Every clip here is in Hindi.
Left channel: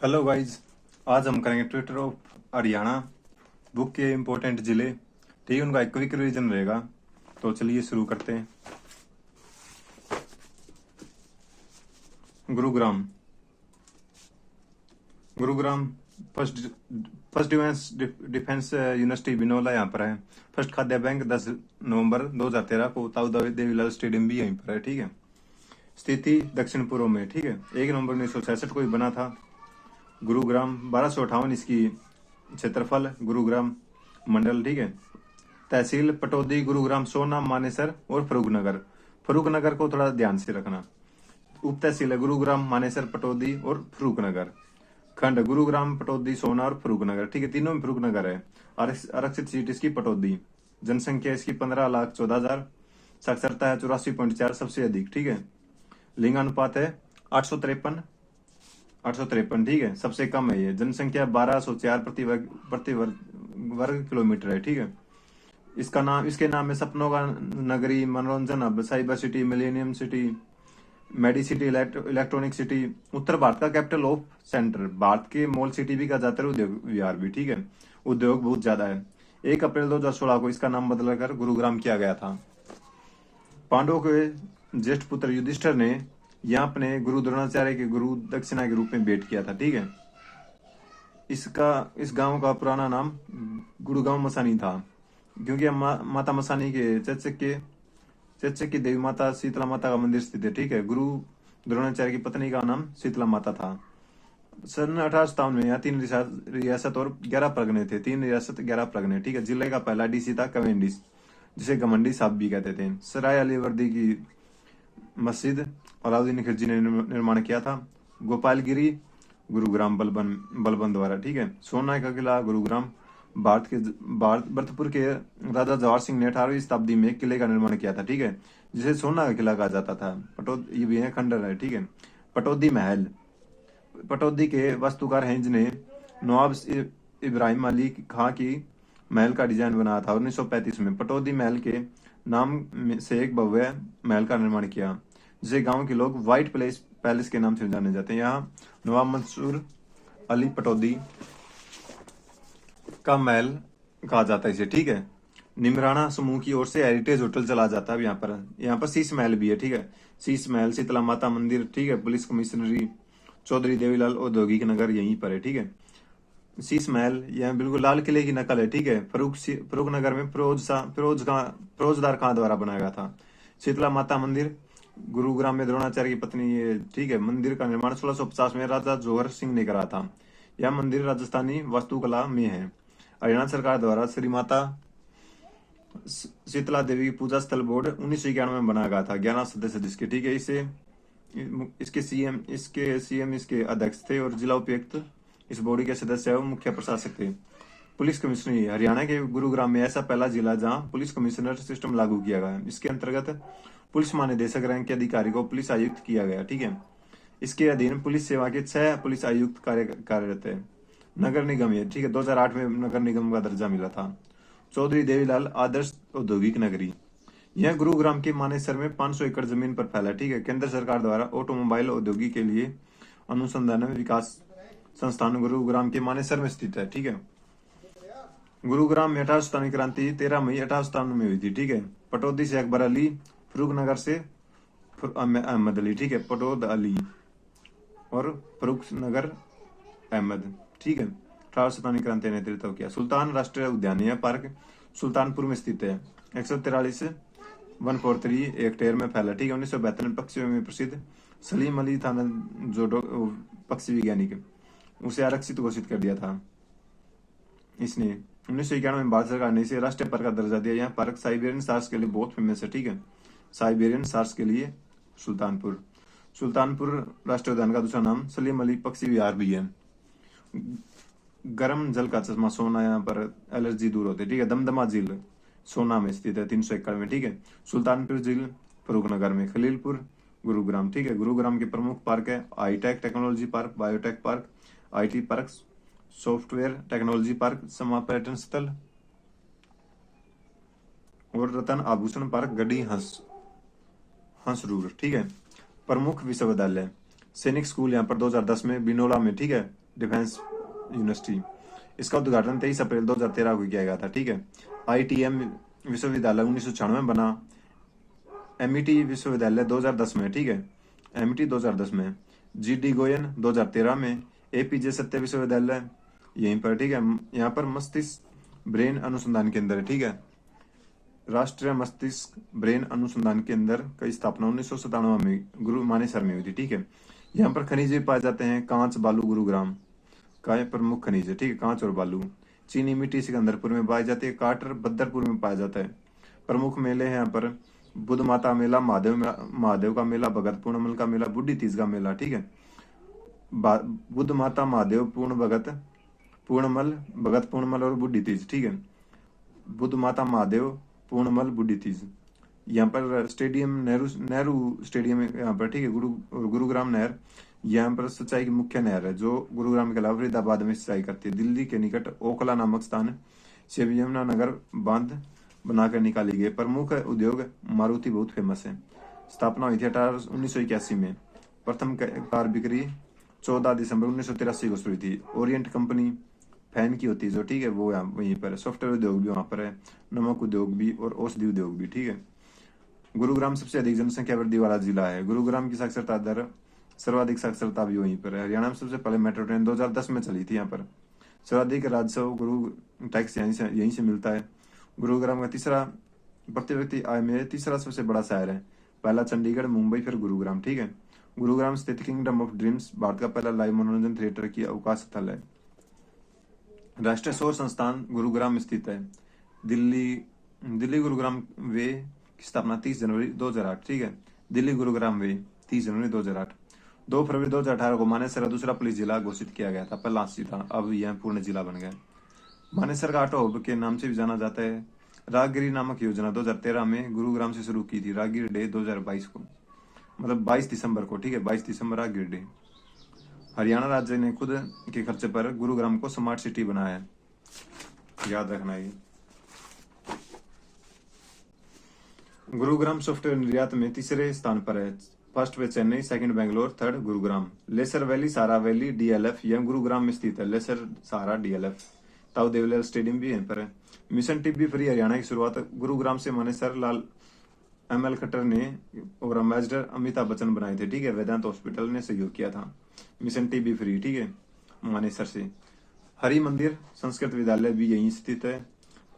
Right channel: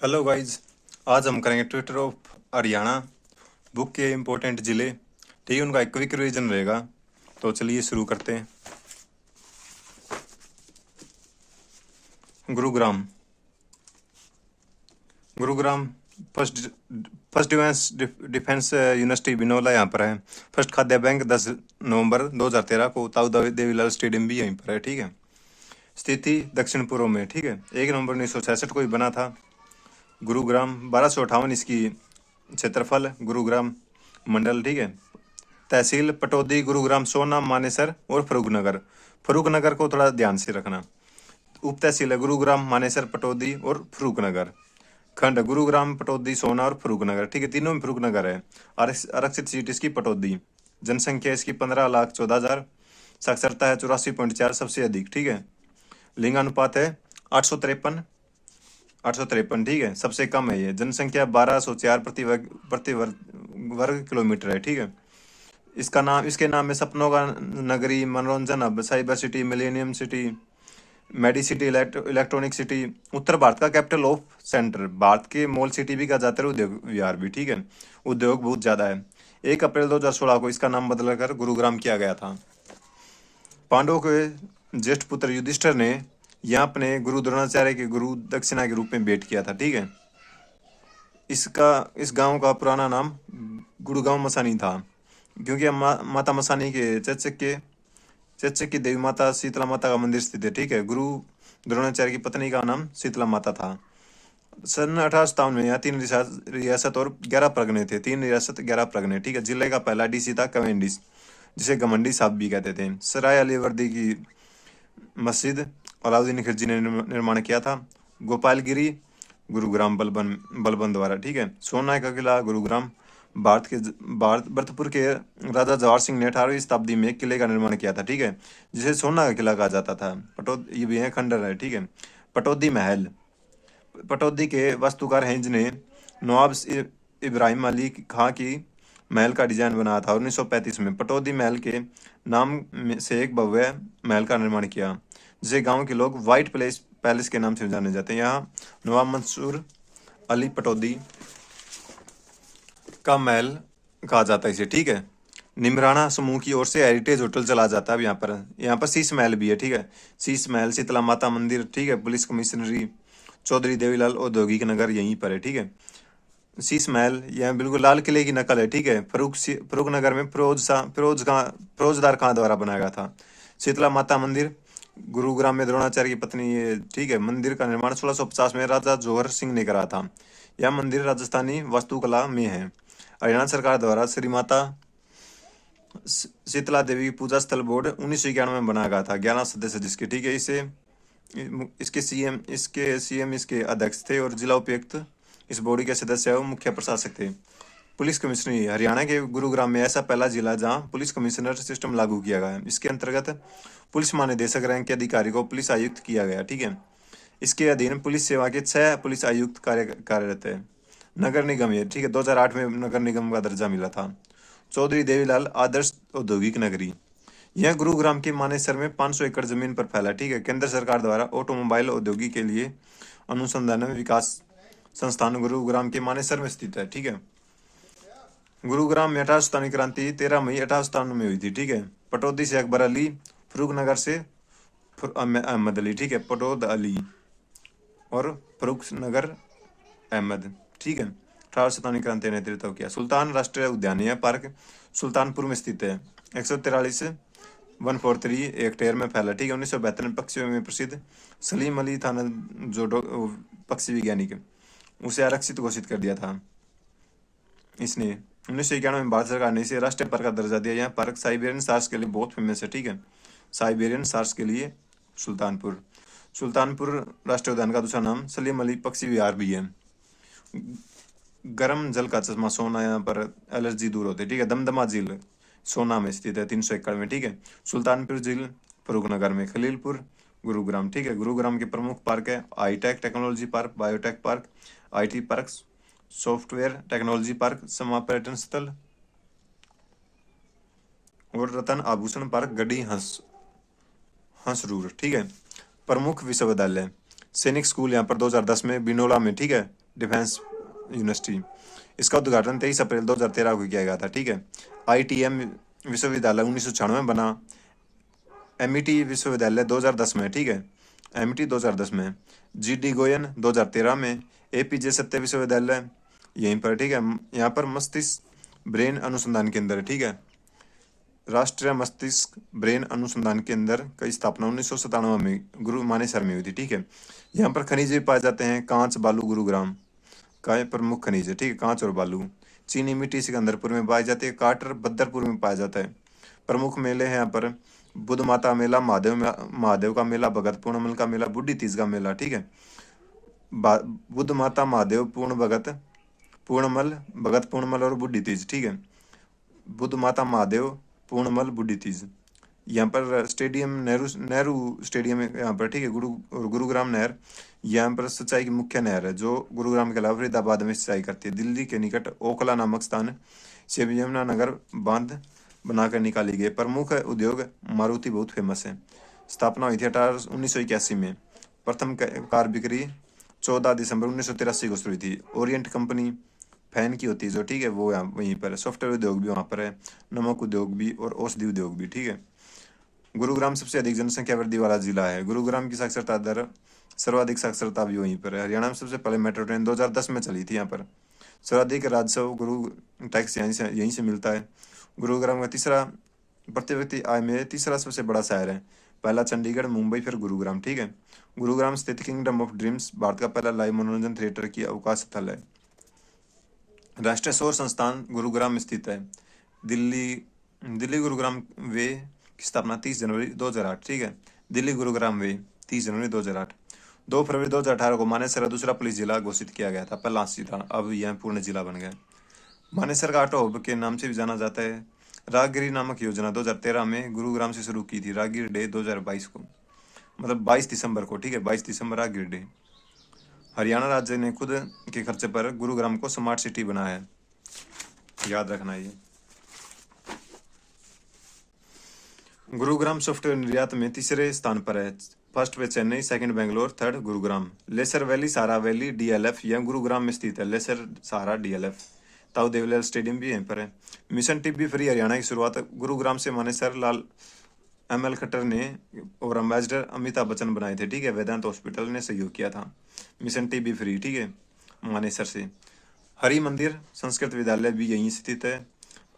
Hello guys. आज हम करेंगे ट्विटर ऑफ हरियाणा बुक के इम्पोर्टेंट ज़िले। ठीक है, उनका एक क्विक रिवीजन रहेगा। तो चलिए शुरू करते हैं। Gurugram. Gurugram first first defence university बिनौला यहाँ पर है। फर्स्ट खाद्य बैंक 10 नवंबर 2013 को ताऊ देवीलाल स्टेडियम भी यहीं पर है। ठीक है, स्थिति दक्षिण पूर्व में। ठीक है, 1 नवंबर 1966 को ही बना था गुरुग्राम। 1258 इसकी क्षेत्रफल। गुरुग्राम मंडल। ठीक है, तहसील पटौदी, गुरुग्राम, सोना, मानेसर और फरूखनगर। फरूखनगर को थोड़ा ध्यान से रखना। उप तहसील है गुरुग्राम, मानेसर, पटौदी और फरूखनगर। खंड गुरुग्राम, पटौदी, सोना और फरूखनगर। ठीक है, तीनों में फरूखनगर है। आरक्षित सीट इसकी पटौदी। जनसंख्या इसकी 15,14,000। साक्षरता है 84.4, सबसे अधिक। ठीक है, लिंगानुपात है 853। 853। ठीक है, सबसे कम है ये। जनसंख्या 1204 वर्ग किलोमीटर है। ठीक है, इसके नाम में सपनों का नगरी, मनोरंजन hub, cyber city, millennium city, medi city, electronic city, उत्तर भारत का कैपिटल ऑफ सेंटर। भारत के मॉल सिटी भी कहा जाता है, उद्योग विहार भी। ठीक है, उद्योग बहुत ज्यादा है। 1 अप्रैल 2016 को इसका नाम बदलकर गुरुग्राम किया गया था। पांडवों के ज्येष्ठ पुत्र युधिष्ठिर ने यहाँ अपने गुरु द्रोणाचार्य के गुरु दक्षिणा के रूप में भेंट किया था। ठीक है, इस गांव का पुराना नाम गुड़गांव मसानी था, क्योंकि माता मसानी के चच्चक की देवी माता शीतला माता का मंदिर स्थित है। ठीक है, गुरु द्रोणाचार्य की पत्नी का नाम शीतला माता था। सन 1857 में यहाँ 3 रियासत और 11 परगने थे। 3 रियासत 11 परगने। ठीक है, जिले का पहला डीसी था कमेंडिस, जिसे गमंडी साहब भी कहते थे। सराय अली वर्दी की मस्जिद अलाउद्दीन खिलजी ने निर्माण किया था। गोपालगिरी गुरुग्राम बलबन द्वारा। ठीक है, सोना का किला गुरुग्राम भरतपुर के राजा जवाहर सिंह ने 18वीं शताब्दी में एक किले का निर्माण किया था। ठीक है, जिसे सोना का किला कहा जाता था। ये भी है खंडर है। ठीक है, पटौदी महल। पटौदी के वास्तुकार हेंज ने नवाब इब्राहिम अली खां की महल का डिजाइन बनाया था। 1935 में पटौदी महल के नाम से एक भव्य महल का निर्माण किया, जिसे गांव के लोग व्हाइट पैलेस के नाम से जाने जाते हैं। यहाँ नवाब मंसूर अली पटौदी का महल कहा जाता है इसे। ठीक है, निमराना समूह की ओर से हेरिटेज होटल चला जाता है। यहाँ पर शीश महल भी है। ठीक है, शीश महल, शीतला माता मंदिर। ठीक है, पुलिस कमिश्नरी, चौधरी देवीलाल औद्योगिक नगर यहीं पर है। ठीक है, शीश महल यहाँ बिल्कुल लाल किले की नकल है। ठीक है, फरूख नगर में फिरोजदार खां द्वारा बनाया गया था। शीतला माता मंदिर गुरुग्राम में द्रोणाचार्य की पत्नी ये। ठीक है, मंदिर का निर्माण 1650 में राजा जौहर सिंह ने करा था। यह मंदिर राजस्थानी वास्तुकला में है। हरियाणा सरकार द्वारा श्री माता शीतला देवी की पूजा स्थल बोर्ड 1991 में बनाया गया था, 11 सदस्य जिसके। ठीक है, इसके सीएम इसके अध्यक्ष थे और जिला उपायुक्त इस बॉडी के सदस्य और मुख्य प्रशासक थे। पुलिस कमिश्नरी हरियाणा के गुरुग्राम में ऐसा पहला जिला जहां पुलिस कमिश्नर सिस्टम लागू किया गया है। इसके अंतर्गत पुलिस महानिदेशक रैंक के अधिकारी को पुलिस आयुक्त किया गया। ठीक है, इसके अधीन पुलिस सेवा के 6 पुलिस आयुक्त कार्यरत है। नगर निगम है। ठीक है, 2008 में नगर निगम का दर्जा मिला था। चौधरी देवीलाल आदर्श औद्योगिक नगरी। यह गुरुग्राम के मानेसर में 500 एकड़ जमीन पर फैला। ठीक है, केंद्र सरकार द्वारा ऑटोमोबाइल औद्योगिक के लिए अनुसंधान एवं विकास संस्थान गुरुग्राम के मानेसर में स्थित है। ठीक है, गुरुग्राम में 1897 क्रांति 13 मई 1897 में हुई थी। ठीक है, पटौदी से अकबर अली, फरूखनगर से अहमद अली। ठीक है, पटौद अली और फरूखनगर अहमद। ठीक है, 1897 क्रांति ने नेतृत्व किया। सुल्तान राष्ट्रीय उद्यान यह पार्क सुल्तानपुर में स्थित है। 143 143 हेक्टेयर में फैला। ठीक है, 1972 में पक्षियों में प्रसिद्ध सलीम अली थाना जोडो पक्षी वैज्ञानिक, उसे आरक्षित घोषित कर दिया था इसने। 1991 में भारत सरकार ने इसे राष्ट्रीय पार्क का दर्जा दिया। यह पार्क साइबेरियन सार्स के लिए बहुत फेमस है। ठीक है, साइबेरियन सार्स के लिए सुल्तानपुर राष्ट्रीय उद्यान का दूसरा नाम सलीम अली पक्षी विहार भी है। गर्म जल का चश्मा सोना, यहाँ पर एलर्जी दूर होती है। ठीक है, दमदमा झील सोना में स्थित है, 300 एकड़ में। ठीक है, सुल्तानपुर झील फरूखनगर में। खलीलपुर गुरुग्राम। ठीक है, गुरुग्राम के प्रमुख पार्क है high tech technology park, biotech park, IT park, software technology park, समा पर्यटन स्थल और रतन आभूषण पार्क, गढ़ी हंसरूर। ठीक है, प्रमुख विश्वविद्यालय सैनिक स्कूल यहाँ पर 2010 में बिनोला में। ठीक है, डिफेंस यूनिवर्सिटी। इसका उद्घाटन 23 अप्रैल 2013 को किया गया था, ठीक है। ITM विश्वविद्यालय 1996 में बना। MIT विश्वविद्यालय 2010 में, ठीक है। MIT 2010 में। GD गोयन 2013 में। APJ सत्य विश्वविद्यालय यहीं पर, ठीक है। यहाँ पर मस्तिष्क ब्रेन अनुसंधान केंद्र, ठीक है। राष्ट्रीय मस्तिष्क ब्रेन अनुसंधान केंद्र की स्थापना 1997 में गुरु मानेसर में हुई थी, ठीक है। यहाँ पर खनिज भी पाए जाते हैं, कांच, बालू, गुरुग्राम का प्रमुख खनिज है, ठीक है, कांच और बालू। चीनी मिट्टी सिकंदरपुर में पाई जाती है। काटर बदरपुर में पाया जाता है। प्रमुख मेले हैं यहाँ पर बुद्ध माता मेला, महादेव का मेला, भगत पूर्णमल का मेला, बुढ़ी तीज का मेला, ठीक है। बुद्ध माता, महादेव, भगत पूर्णमल और बुढ़ी तीज, ठीक है। बुद्ध माता, महादेव, पूर्णमल, बुढ़ी तीज। यहाँ पर स्टेडियम नेहरू नेहरू स्टेडियम है यहाँ पर, ठीक है। गुरुग्राम नहर यहाँ पर सिंचाई की मुख्य नहर है जो गुरुग्राम के अलावा फरीदाबाद में सिंचाई करती है। दिल्ली के निकट ओखला नामक स्थान से यमुनानगर बांध बनाकर निकाली गई। प्रमुख उद्योग मारुति बहुत फेमस है। स्थापना हुई थी 1981 में। प्रथम कार बिक्री 14 दिसंबर 1983 को शुरू हुई थी। ओरिएंट कंपनी फैन की होती है जो, ठीक है, वो यहाँ वहीं पर है। सॉफ्टवेयर उद्योग भी वहाँ पर है, नमक उद्योग भी और औषधि उद्योग भी, ठीक है। गुरुग्राम सबसे अधिक जनसंख्या वृद्धि वाला जिला है। गुरुग्राम की साक्षरता दर सर्वाधिक साक्षरता भी वहीं पर है। हरियाणा में सबसे पहले मेट्रो ट्रेन 2010 में चली थी यहाँ पर। सर्वाधिक राजस्व गुरु टैक्स यहीं से मिलता है। गुरुग्राम का तीसरा प्रति व्यक्ति आय में तीसरा सबसे बड़ा शहर है। पहला चंडीगढ़, मुंबई, फिर गुरुग्राम, ठीक है। गुरुग्राम स्थित किंगडम ऑफ ड्रीम्स भारत का पहला लाइव मनोरंजन थिएटर की अवकाश स्थल है। राष्ट्रीय सौर संस्थान गुरुग्राम में स्थित है। दिल्ली गुरुग्राम वे की स्थापना 30 जनवरी 2008, ठीक है। दिल्ली गुरुग्राम वे 30 जनवरी 2008। 2 फरवरी 2018 को मानेसर दूसरा पुलिस जिला घोषित किया गया था। पहला जिला, अब यह पूर्ण जिला बन गया। मानेसर का ऑटो हब के नाम से भी जाना जाता है। राहगिरी नामक योजना 2013 में गुरुग्राम से शुरू की थी। राहगिरी डे 2022 को, मतलब 22 दिसंबर को, ठीक है, 22 दिसंबर राहगिरी डे। हरियाणा राज्य ने खुद के खर्चे पर गुरुग्राम को स्मार्ट सिटी बनाया है, याद रखना ये। गुरुग्राम सॉफ्टवेयर निर्यात में तीसरे स्थान पर है। फर्स्ट पे Chennai, second Bangalore, third Gurugram. Leisure valley, Sahara valley, DLF यह गुरुग्राम में स्थित है। Leisure, Sahara, DLF। Tau Devilal stadium भी यहीं पर है। मिशन टीबी फ्री हरियाणा की शुरुआत गुरुग्राम से मानेसर लाल ML खट्टर ने और एम्बेसडर अमिताभ बच्चन बनाए थे, ठीक है। वेदांत हॉस्पिटल ने सहयोग किया था। मिशन टीबी फ्री, ठीक है, मानेसर से। हरि मंदिर संस्कृत विद्यालय भी यहीं स्थित है।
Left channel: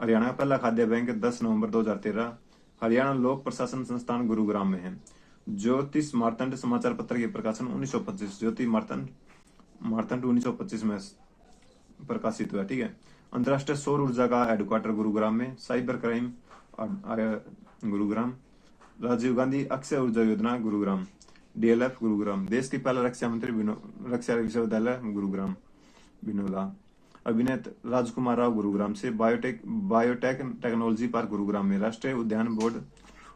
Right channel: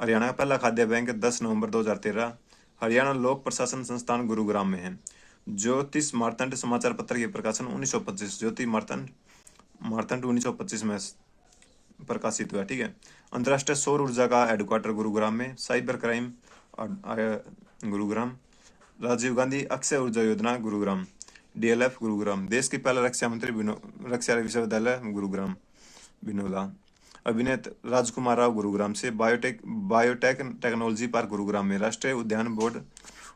हरियाणा का पहला खाद्य बैंक 10 नवंबर 2013। हरियाणा लोक प्रशासन संस्थान गुरुग्राम में है। ज्योतिष मार्तंड समाचार पत्र के प्रकाशन 1925, ज्योति मार्तंड 1925 में प्रकाशित हुआ, ठीक है। अंतर्राष्ट्रीय सौर ऊर्जा का हेडक्वार्टर गुरुग्राम में। Cyber crime Gurugram. Rajiv Gandhi Akshay Urja Yojana Gurugram. DLF Gurugram. देश के पहला रक्षा मंत्री रक्षा विश्वविद्यालय गुरुग्राम, बिनोला। अभिनेत राजकुमार राव गुरुग्राम से। बायोटेक टेक्नोलॉजी पार्क गुरुग्राम में। राष्ट्रीय उद्यान बोर्ड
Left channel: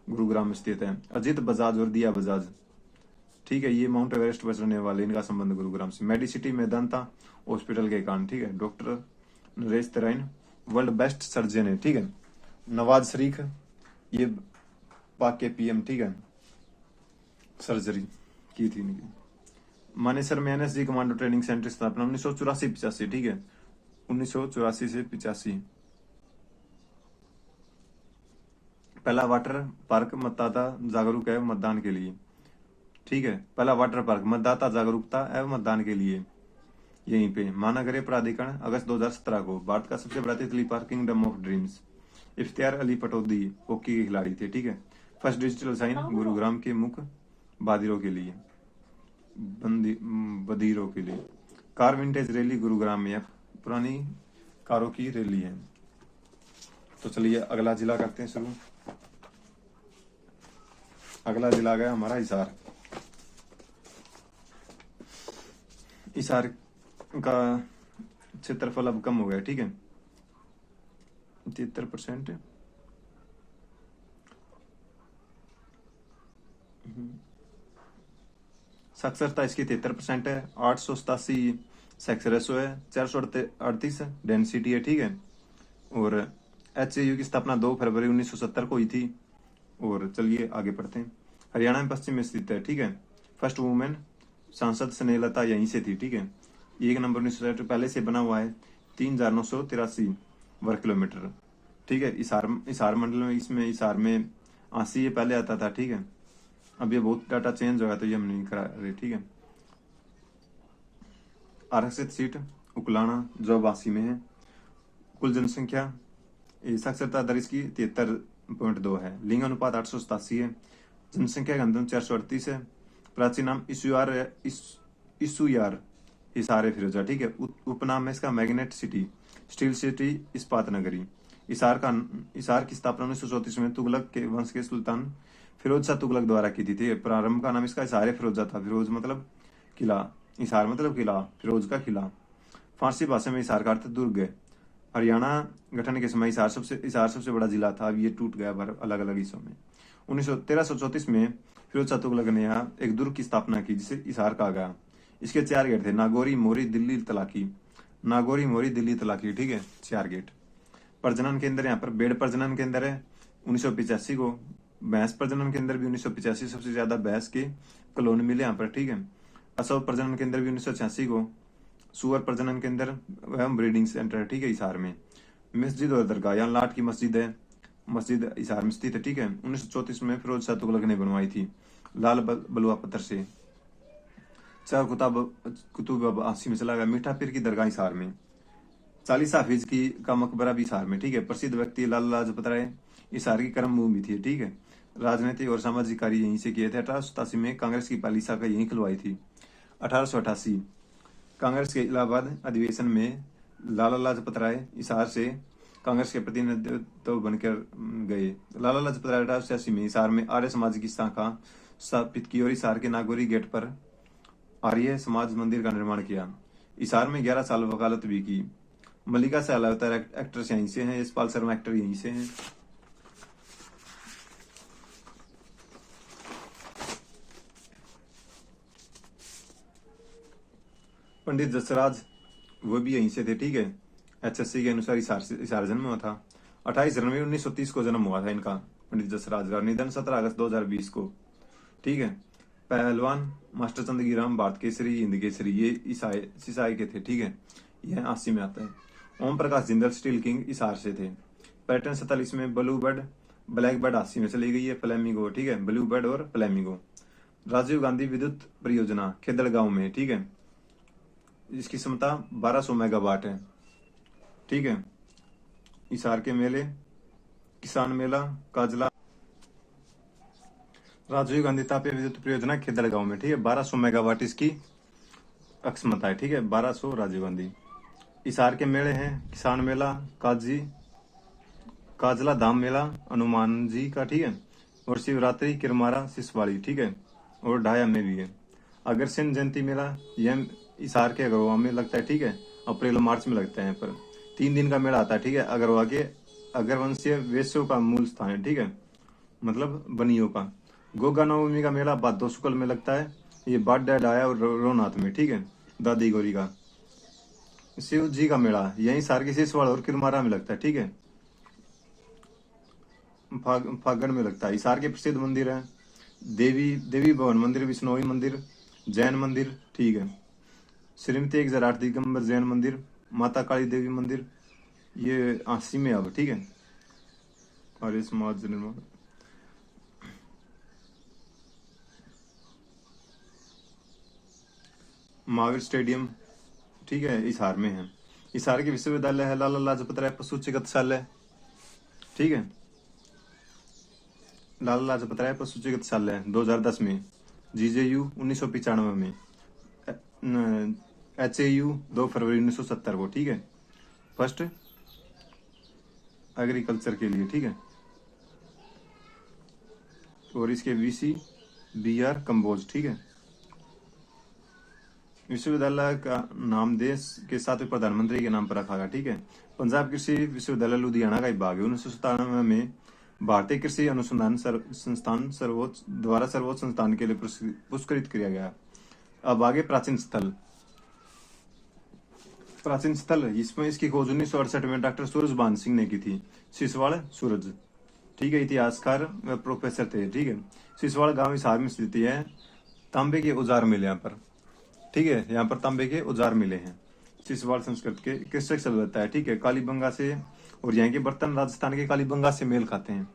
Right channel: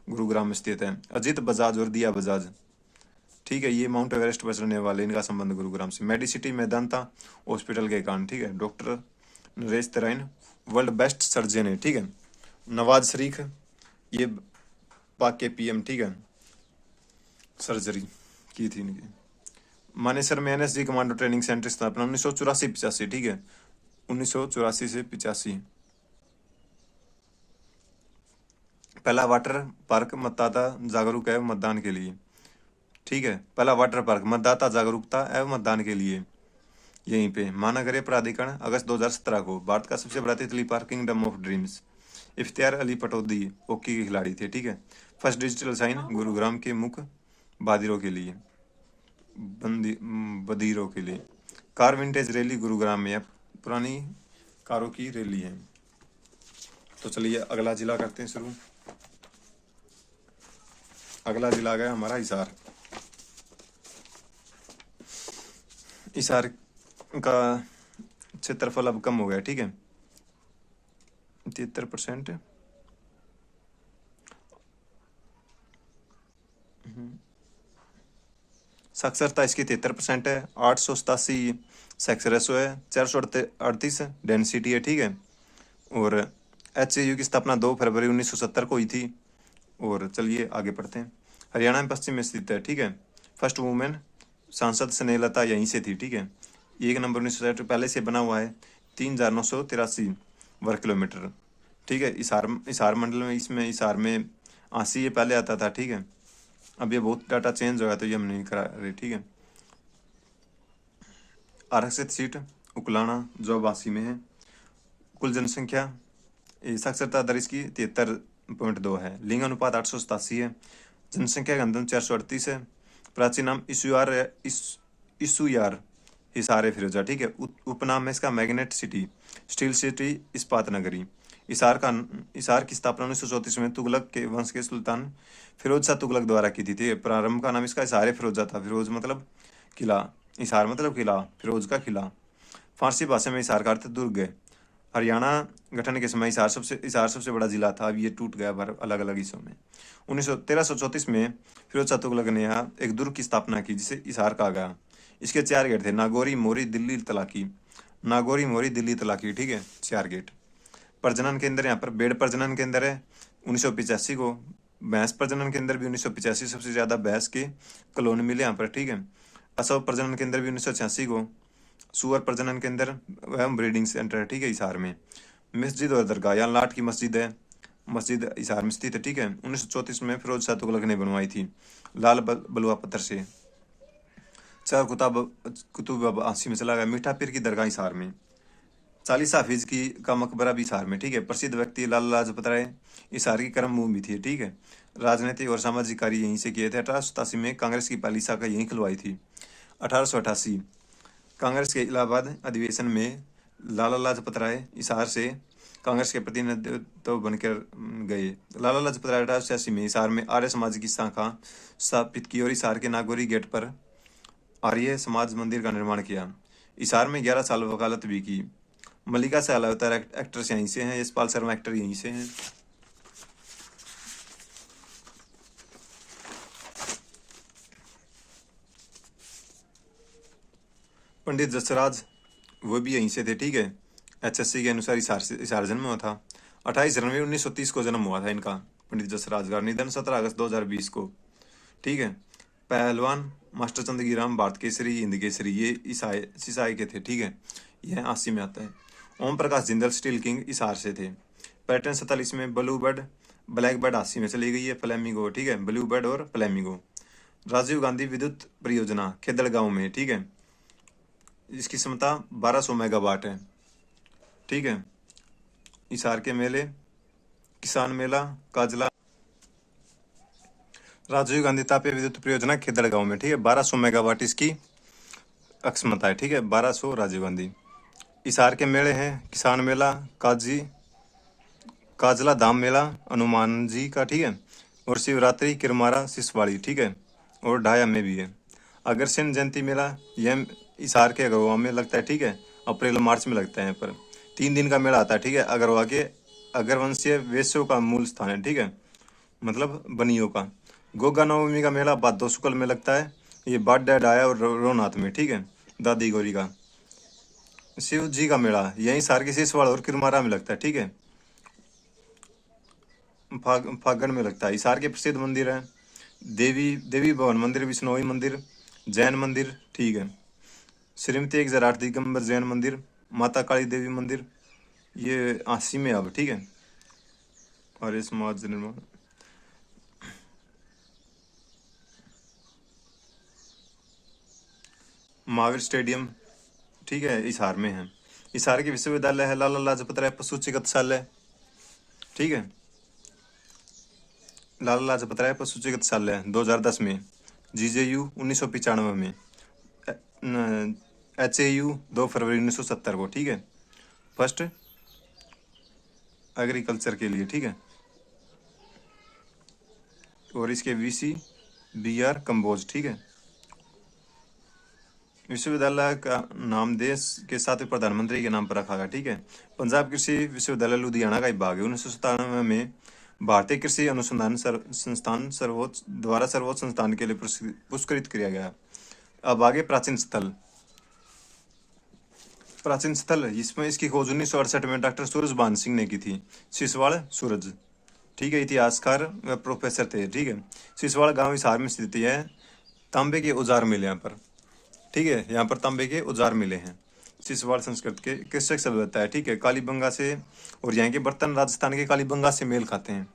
गुरुग्राम में स्थित है। अजीत बजाज और दिया बजाज, ठीक है, ये माउंट एवरेस्ट पर चढ़ने वाले, इनका संबंध गुरुग्राम से। मेडिसिटी मेदांता हॉस्पिटल के कारण, ठीक है। Doctor Naresh Tarain world best surgeon है, ठीक है। नवाज शरीफ ये पाक के PM, ठीक है, सर्जरी की थी इनकी। मानेसर में NSG कमांडो ट्रेनिंग सेंटर स्थापना 1984-85, ठीक है, 1984 से 85। पहला वाटर पार्क मतदाता जागरूक एवं मतदान के लिए, ठीक है। पहला वाटर पार्क मतदाता जागरूकता एवं मतदान के लिए यहीं पे। महानगरीय प्राधिकरण अगस्त 2017 को। भारत का सबसे बड़ा तितली park kingdom of dreams. Iftiyar Ali Pataudi hockey के खिलाड़ी थे, ठीक है। फर्स्ट डिजिटल साइन गुरुग्राम के मुख्य बधिरों के लिए, बधिरों के लिए। कार विंटेज रैली गुरुग्राम में, पुरानी कारों की रैली है। तो चलिए अगला जिला करते हैं शुरू। अगला जिला गया हमारा हिसार। हिसार का क्षेत्रफल अब कम हो गया, ठीक है, 73%। साक्षरता इसकी 73% है। 887 सेक्स रेशो है। 438 डेंसिटी है, ठीक है। और HAU की स्थापना 2 फरवरी 1970 को हुई थी। और चलिए आगे पढ़ते हैं। हरियाणा में पश्चिम में स्थित है, ठीक है। फर्स्ट वुमेन सांसद स्नेहलता यहीं से थी, ठीक है। 1 नंबर 1960 पहले से बना हुआ है 3,983 वर्ग किलोमीटर। ठीक है, हिसार मंडल में, इसमें हिसार में 80 ये पहले आता था। ठीक है, अब ये बहुत डाटा चेंज हो गया तो ये हम नहीं करा रहे। ठीक है, आरक्षित सीट उकलाना जो 82 में है। कुल जनसंख्या, साक्षरता दर इसकी 73.2 है। लिंग अनुपात 887 है। जनसंख्या घनत्व 438 है। प्राचीन नाम इसुयार हिसार फिरोजा। ठीक है, उपनाम है इसका मैग्नेट सिटी, स्टील सिटी, इस्पात नगरी। हिसार की स्थापना 1934 में तुगलक के वंश के सुल्तान फिरोज शाह तुगलक द्वारा की थी। प्रारंभ का नाम इसका हिसार फिरोजा था। फिरोज मतलब किला, हिसार मतलब किला, फिरोज का किला। फारसी भाषा में हिसार का अर्थ दुर्ग है। हरियाणा गठन के समय हिसार सबसे बड़ा जिला था। अब ये टूट गया अलग अलग हिस्सों में। 1334 में फिरोज शाह तुगलक ने यहाँ एक दुर्ग की स्थापना की जिसे हिसार कहा गया। इसके 4 गेट थे, नागौरी, मोरी, दिल्ली, तलाकी। नागौरी, मोरी, दिल्ली, तलाकी। ठीक है, 4 गेट। प्रजनन केंद्र यहाँ पर बेड़ प्रजनन केंद्र है 1985 को। भैंस प्रजनन केंद्र भी 1985, सबसे ज्यादा भैंस के कॉलोनी मिले यहाँ पर। ठीक है, असव प्रजनन केंद्र भी 1986 को। सुअर प्रजनन केंद्र एवं ब्रीडिंग सेंटर है। ठीक है, हिसार में। मस्जिद और दरगाह, यहाँ लाट की मस्जिद है, मस्जिद हिसार में स्थित है। ठीक है, 1934 में फिरोज शाह तुगलक ने बनवाई थी लाल बलुआ पत्थर से। चार कुतुब आसी में चला गया। मीठा पीर की दरगाह हिसार में। 40 हाफिज की का मकबरा भी हिसार में। ठीक है, प्रसिद्ध व्यक्ति लाला लाजपत राय हिसार की कर्म भूमि थी। ठीक है, राजनीतिक और सामाजिक कार्य यहीं से किए थे। 1887 में कांग्रेस की पहली शाखा यहीं खुलवाई थी। 1888 कांग्रेस के इलाहाबाद अधिवेशन में लाला लाजपत राय हिसार से कांग्रेस के प्रतिनिधित्व बनकर गए। लाला लाजपत राय 1886 में हिसार में आर्य समाज की शाखा स्थापित की और हिसार के नागौरी गेट पर आर्य समाज मंदिर का निर्माण किया। हिसार में 11 साल वकालत भी की। मल्लिका सहलावत एक्ट्रेस यहीं से हैं। यशपाल शर्मा एक्टर यहीं से हैं। पंडित जसराज वो भी यहीं से थे। ठीक है, HSC के अनुसार हिसार जन्म हुआ था। 28 जनवरी 1930 को जन्म हुआ था इनका, पंडित जसराज का। निधन 17 अगस्त 2020 को। ठीक है, पहलवान मास्टर चंद गिराम भारत केसरी, हिंद केसरी, ये सिसाई के थे। ठीक है, यह 80 में आता है। ओम प्रकाश जिंदल स्टील किंग हिसार से थे। पैटर्न 47 में ब्लू बर्ड ब्लैक बर्ड 80 में चली गई है। फ्लैमिंगो। ठीक है, ब्लू बर्ड और फ्लैमिंगो। राजीव गांधी विद्युत परियोजना खेदड़ गांव में। ठीक है, इसकी क्षमता 1200 मेगावाट है। ठीक है, हिसार के मेले, किसान मेला, काजला। राजीव गांधी तापीय विद्युत परियोजना खेदड़ गांव में। ठीक है, 1200 मेगावाट इसकी क्षमता है। ठीक है, 1200 राजीव गांधी। हिसार के मेले हैं किसान मेला, काजला धाम मेला हनुमान जी का। ठीक है, और शिवरात्रि किरमारा सिसवाड़ी। ठीक है, और ढाया में भी है। अग्रसेन जयंती मेला यह हिसार के अगरवा में लगता है। ठीक है, अप्रैल मार्च में लगता है। यहाँ पर 3 दिन का मेला आता है। ठीक है, अगरवा के अगरवंशीय वेश्यों का मूल स्थान है। ठीक है, मतलब बनियों का। गोगा नवमी का मेला भादो शुक्ल में लगता है। ये बाड्डा डाया और रोनाथ में। ठीक है, दादी गौरी का। शिव जी का मेला यहीं हिसार के सिसवाड़ और किरमारा में लगता है। ठीक है, फागण में लगता है। हिसार के प्रसिद्ध मंदिर है देवी भवन मंदिर, विष्णोई मंदिर, जैन मंदिर। ठीक है, श्रीमती 1008 दिगंबर जैन मंदिर, माता काली देवी मंदिर, ये 80 में अब। ठीक है, और ये समाज निर्माण। महावीर स्टेडियम। ठीक है, हिसार में है। हिसार के विश्वविद्यालय है लाला लाजपत राय पशु चिकित्सालय। ठीक है, लाला लाजपत राय पशु चिकित्सालय 2010 में। GJU 1995 में। HAU 2 फरवरी 1970 को। ठीक है, फर्स्ट एग्रीकल्चर के लिए। ठीक है, और इसके VC BR कंबोज। ठीक है, विश्वविद्यालय का नाम देश के 7वें प्रधानमंत्री के नाम पर रखा गया। ठीक है, पंजाब कृषि विश्वविद्यालय लुधियाना का एक भाग है। 1997 में भारतीय कृषि अनुसंधान संस्थान सर्वोच्च संस्थान के लिए पुरस्कृत किया गया। अब आगे प्राचीन स्थल इसमें इसकी खोज 1968 में डॉक्टर सूरज भान सिंह ने की थी। सिसवाड़ सूरज। ठीक है, इतिहासकार व प्रोफेसर थे। ठीक है, सिसवाड़ गांव हिसार में स्थित है। तांबे के औजार मिले यहाँ पर। ठीक है। यहाँ पर तांबे के औजार मिले हैं। सिसवाड़ संस्कृत के कृषक सभ्यता है, ठीक है। कालीबंगा से, और यहाँ के बर्तन राजस्थान के कालीबंगा से मेल खाते हैं।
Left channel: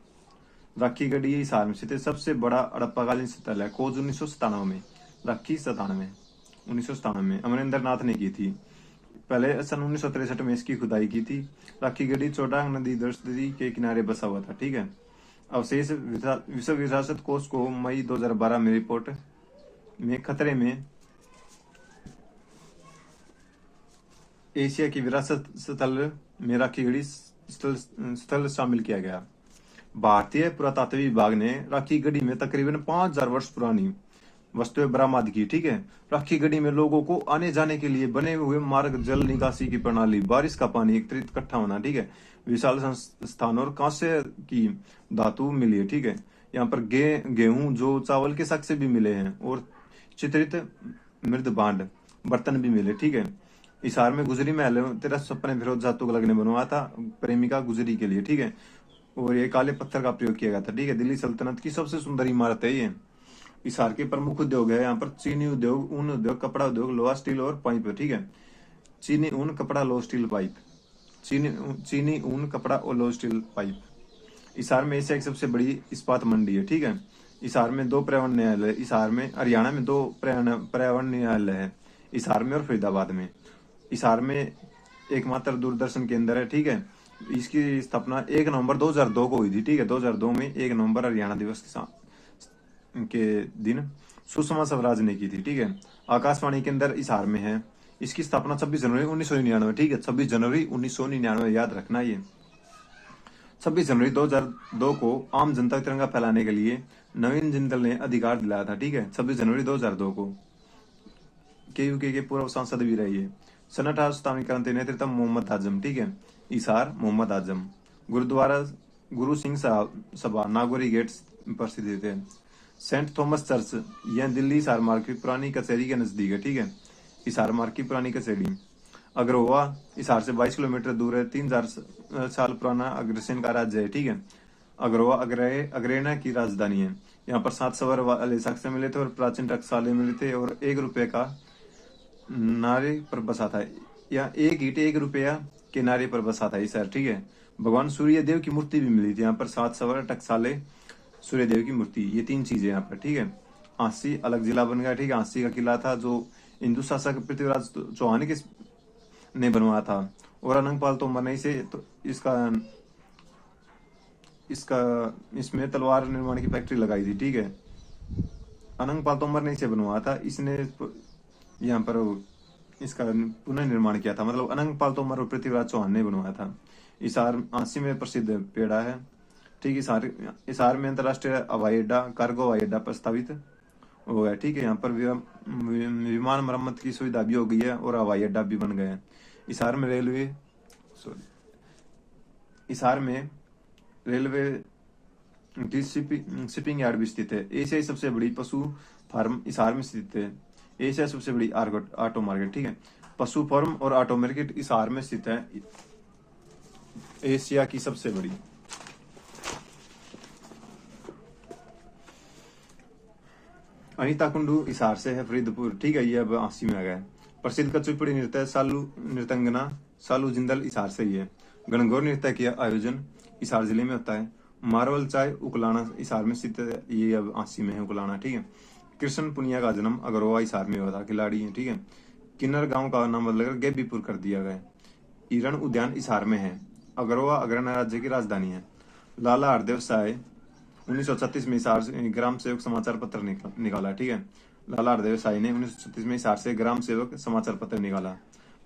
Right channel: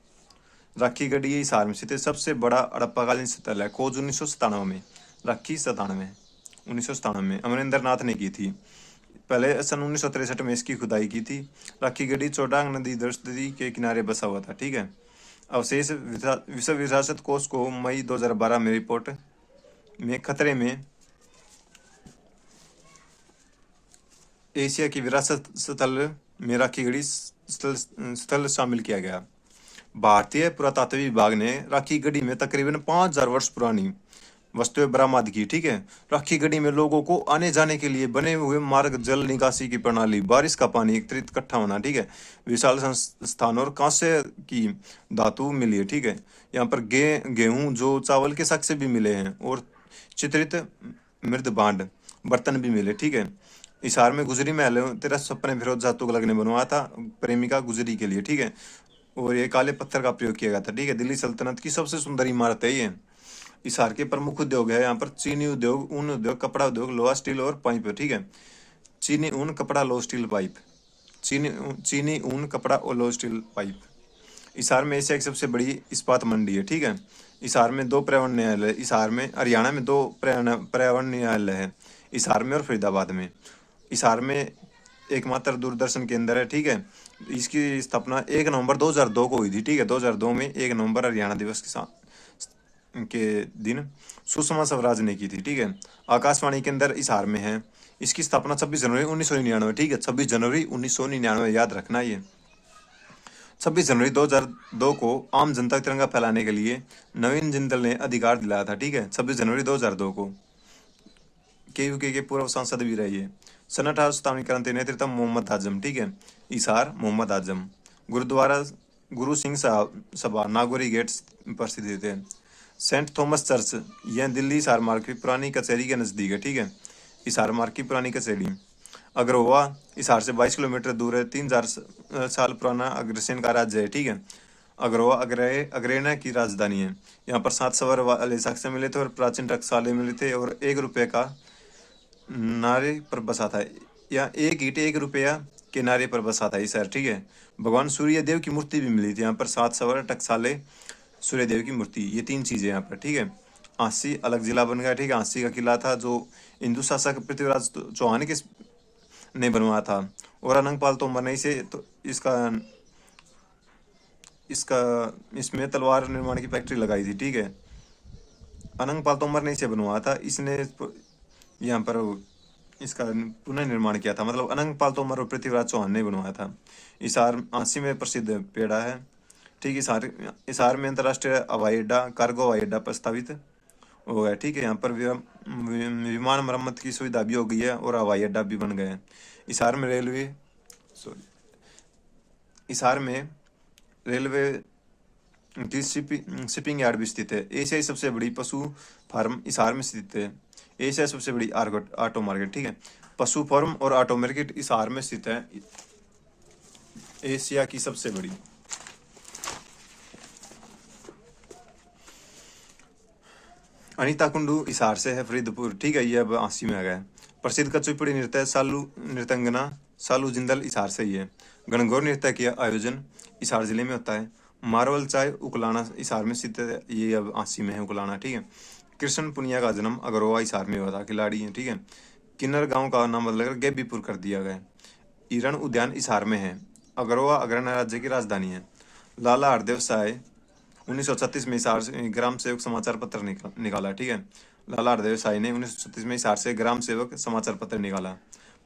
राखी गढ़ी हिसार में स्थित है। सबसे बड़ा हड़प्पाकालीन स्थल है खोज 1997 में। राखी 1997 में अमरिंदर नाथ ने की थी। पहले सन 1963 में इसकी खुदाई की थी। राखी गढ़ी चौडांग नदी दृष्टि के किनारे बसा हुआ था, ठीक है। अवशेष विश्व विरासत कोष को मई 2012 में रिपोर्ट में खतरे में एशिया की विरासत स्थल में राखी गढ़ी स्थल शामिल किया गया। भारतीय पुरातत्व विभाग ने राखी गढ़ी में तकरीबन 5000 वर्ष पुरानी वस्तुएं बरामद की, ठीक है। राखी गढ़ी में लोगों को आने जाने के लिए बने हुए मार्ग, जल निकासी की प्रणाली, बारिश का पानी एकत्रित इकट्ठा होना, ठीक है। विशाल संस्थान और कांस्य की धातु मिली है, ठीक है। यहाँ पर गेहूं जो चावल के शक से भी मिले हैं, और चित्रित मृद भांड बर्तन भी मिले, ठीक है। हिसार में गुजरी महल 1356 फिरोज जाह तुगलक ने बनवाया था प्रेमिका गुजरी के लिए, ठीक है। और ये काले पत्थर का प्रयोग किया गया था, ठीक है। दिल्ली सल्तनत की सबसे सुंदर इमारत है ये। हिसार के प्रमुख उद्योग है यहाँ पर चीनी उद्योग, ऊन उद्योग, कपड़ा उद्योग, लोहा, स्टील और पाइप है, ठीक है। चीनी, ऊन, कपड़ा, लोहा, स्टील, पाइप। चीनी, ऊन, कपड़ा और लोहा, स्टील, पाइप। हिसार में एशिया की सबसे बड़ी इस्पात मंडी है, ठीक है। हिसार में 2 पर्यावरण न्यायालय, हिसार में, हरियाणा में 2 पर्यावरण न्यायालय है, हिसार में और फरीदाबाद में। हिसार में एकमात्र दूरदर्शन केंद्र है, ठीक है। इसकी स्थापना 1 नवंबर 2002 को हुई थी, ठीक है। 2002 में 1 नवंबर हरियाणा दिवस के दिन सुषमा स्वराज ने की थी, ठीक है। आकाशवाणी केंद्र हिसार में है। इसकी स्थापना 26 जनवरी 1999, ठीक है। 26 जनवरी 1999 याद रखना ये। 26 जनवरी 2002 को आम जनता तिरंगा फैलाने के लिए नवीन जिंदल ने अधिकार दिलाया था, ठीक है। 26 जनवरी 2002 को। केयूके के पूर्व सांसद भी रही है। सन 1857 क्रांति नेतृत्व मोहम्मद आजम, ठीक है। हिसार मोहम्मद आजम। गुरुद्वारा गुरु सिंह सभा नागौरी गेट पर स्थित है। सेंट थॉमस चर्च, यह दिल्ली हिसार मार्ग की पुरानी कचहरी के नज़दीक है, ठीक है। हिसार मार्ग की पुरानी कचहरी। अग्रवा हिसार से 22 किलोमीटर दूर है। 3000 साल पुराना अग्रसेन का राज्य है, ठीक है। अग्रवा अग्रेना की राजधानी है। यहाँ पर 7 सवर वाले साक्ष्य मिले थे और प्राचीन टकसाले मिले थे, और 1 रुपये का नारे पर बसा था। या 1 ईंट 1 रुपया के नारे पर बसा था ये शहर, ठीक है। भगवान सूर्य देव की मूर्ति भी मिली थी यहाँ पर। 7 सवर, टकसाले, सूर्य देव की मूर्ति, ये 3 चीजें यहाँ पर, ठीक है। आंसी अलग जिला बन गया, ठीक है। आंसी का किला था जो हिंदू शासक पृथ्वीराज चौहान के ने बनवाया था, और अनंगपाल तोमर ने इसे तो इसमें तलवार निर्माण की फैक्ट्री लगाई थी, ठीक है। अनंगपाल तोमर ने इसे बनवाया था। इसने यहाँ पर इसका पुनः निर्माण किया था, मतलब अनंगपाल तोमर और पृथ्वीराज चौहान ने बनवाया था। हिसार आंसी में प्रसिद्ध पेड़ा है, ठीक है। हिसार में अंतर्राष्ट्रीय हवाई अड्डा, कार्गो हवाई अड्डा प्रस्तावित हो गया, ठीक है। यहाँ पर विमान मरम्मत की सुविधा भी हो गई है, और हवाई अड्डा भी बन गया है। हिसार में रेलवे की शिपिंग यार्ड भी स्थित है। एशिया की सबसे बड़ी पशु फार्म हिसार में स्थित है। एशिया की सबसे बड़ी ऑटो मार्केट, ठीक है। पशु फार्म और ऑटो मार्केट हिसार में स्थित है, एशिया की सबसे बड़ी। अनीता कुंडू हिसार से है, फरीदपुर, ठीक है। ये अब आंसी में आ गया। प्रसिद्ध कच्चीपुड़ी नृत्य सालू नृतंगना सालू जिंदल हिसार से ही है। गणगौर नृत्य का आयोजन हिसार जिले में होता है। मारवल चाय उकलाना हिसार में स्थित है, ये अब आंसी में है उकलाना, ठीक है। कृष्ण पुनिया का जन्म अगरोवा हिसार में हुआ था, खिलाड़ी है, ठीक है। किन्नर गांव का नाम बदलकर गेबीपुर कर दिया गया। ईरण उद्यान हिसार में है। अगरोवा अग्रणी राज्य की राजधानी है। लाला हरदेव साय 1936 में हिसार से ग्राम सेवक समाचार पत्र निकाला, ठीक है। लाला हरदेव साई ने 1936 में हिसार से ग्राम सेवक समाचार पत्र निकाला।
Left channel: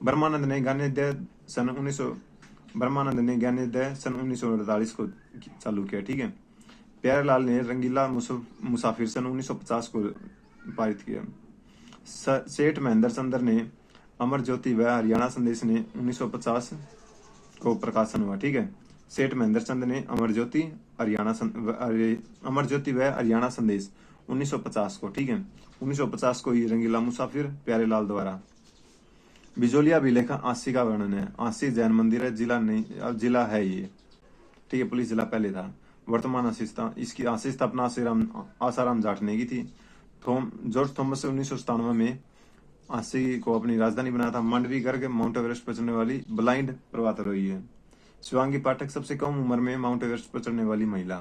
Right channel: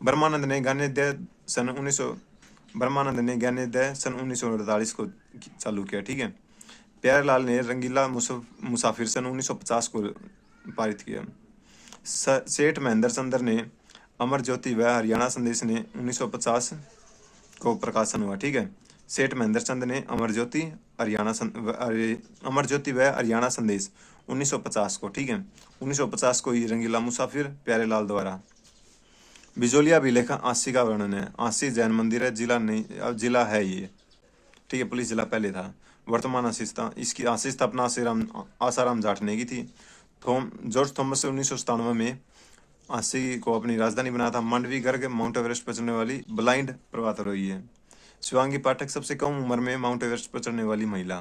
ब्रह्मानंद ने ज्ञानोदय सन 1948 को चालू किया, ठीक है। प्यारेलाल ने रंगीला मुसाफिर सन 1950 को पारित किया। सेठ महेंद्र चंद्र ने अमर ज्योति व हरियाणा संदेश ने 1950 को प्रकाशन हुआ, ठीक है। सेठ महेंद्र चंद ने अमर ज्योति व हरियाणा संदेश 1950 को, ठीक है। 1950 को ये रंगीला मुसाफिर प्यारेलाल द्वारा। बिजोलिया अभिलेख आंसी का वर्णन है। आंसी जैन मंदिर है, जिला नहीं, अब जिला है ये, ठीक है। पुलिस जिला पहले था। वर्तमान इसकी आंसी स्थापना आसाराम जाट ने की थी। जॉर्ज थॉमस 1997 में आसी को अपनी राजधानी बनाया था। मांडवी गर्ग माउंट एवरेस्ट पर चढ़ने वाली ब्लाइंड पर्वतारोही है। शिवांगी पाठक सबसे कम उम्र में माउंट एवरेस्ट पर चढ़ने वाली महिला।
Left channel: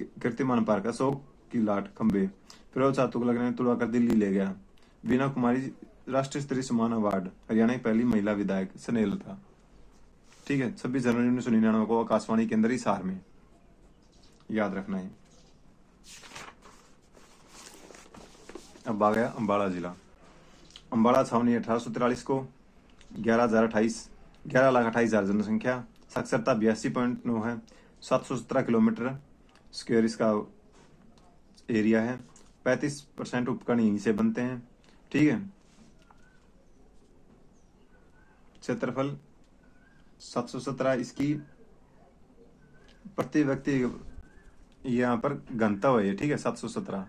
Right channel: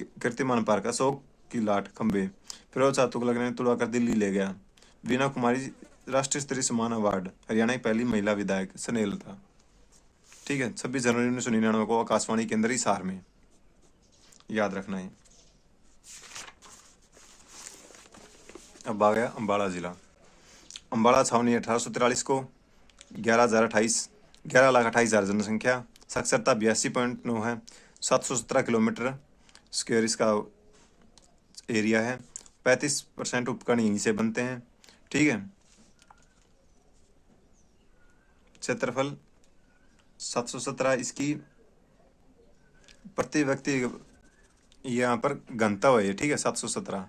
कीर्तिमान पार्क अशोक की लाट खंबे फिरोज शाह तुगलक ने तुड़वाकर दिल्ली ले गया। वीना कुमारी राष्ट्रीय स्तरीय सम्मान अवार्ड हरियाणा की पहली महिला विधायक स्नेहलता। ठीक है, 26 जनवरी 1999 को आकाशवाणी केंद्र हिसार में, याद रखना है। अब आ गया अम्बाला जिला। अम्बाला छावनी 1843 को 11,28,000 जनसंख्या, साक्षरता 82.9 है, 717 किलोमीटर स्क्वायर इसका एरिया है, 35% उपकरण यहीं से बनते हैं। ठीक है, क्षेत्रफल 717, इसकी प्रति व्यक्ति यहाँ पर गंतव्य है। ठीक है, 717।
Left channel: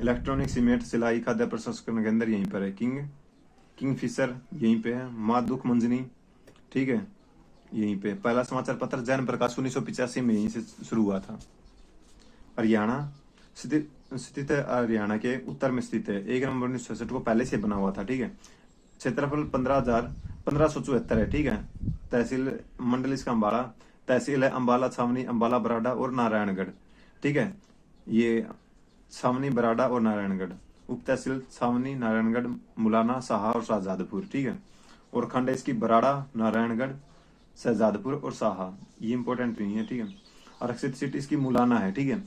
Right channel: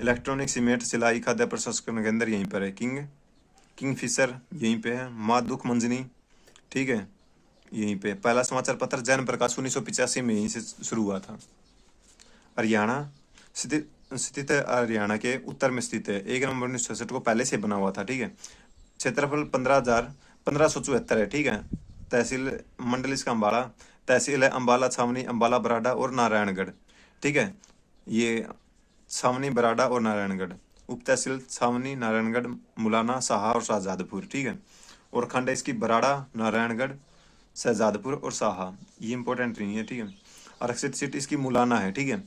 इलेक्ट्रॉनिक सीमेंट सिलाई खाद्य प्रसंस्करण केंद्र यहीं पर है। किंगफिशर यहीं पे है। माँ दुख मंजनी, ठीक है, यहीं पे। पहला समाचार पत्र जैन प्रकाश 1985 में यहीं से शुरू हुआ था। हरियाणा स्थित है, हरियाणा के उत्तर में स्थित है। 1 नवंबर 1966 को पहले से बना हुआ था। ठीक है, क्षेत्रफल 15,74 है। ठीक है, तहसील मंडल इसका अम्बाला, तहसील है अम्बाला, छावनी, अम्बाला, बराडा और नारायणगढ़। ठीक है, ये छावनी, बराडा और नारायणगढ़। उप तहसील छावनी, नारायणगढ़, मुलाना, साहा और शाहजादपुर। ठीक है, और खंड है इसकी बराडा, नारायणगढ़, शहजादपुर और साहा। ये इंपॉर्टेंट नहीं है। ठीक है, आरक्षित सीट इसकी मुलाना है। ठीक है,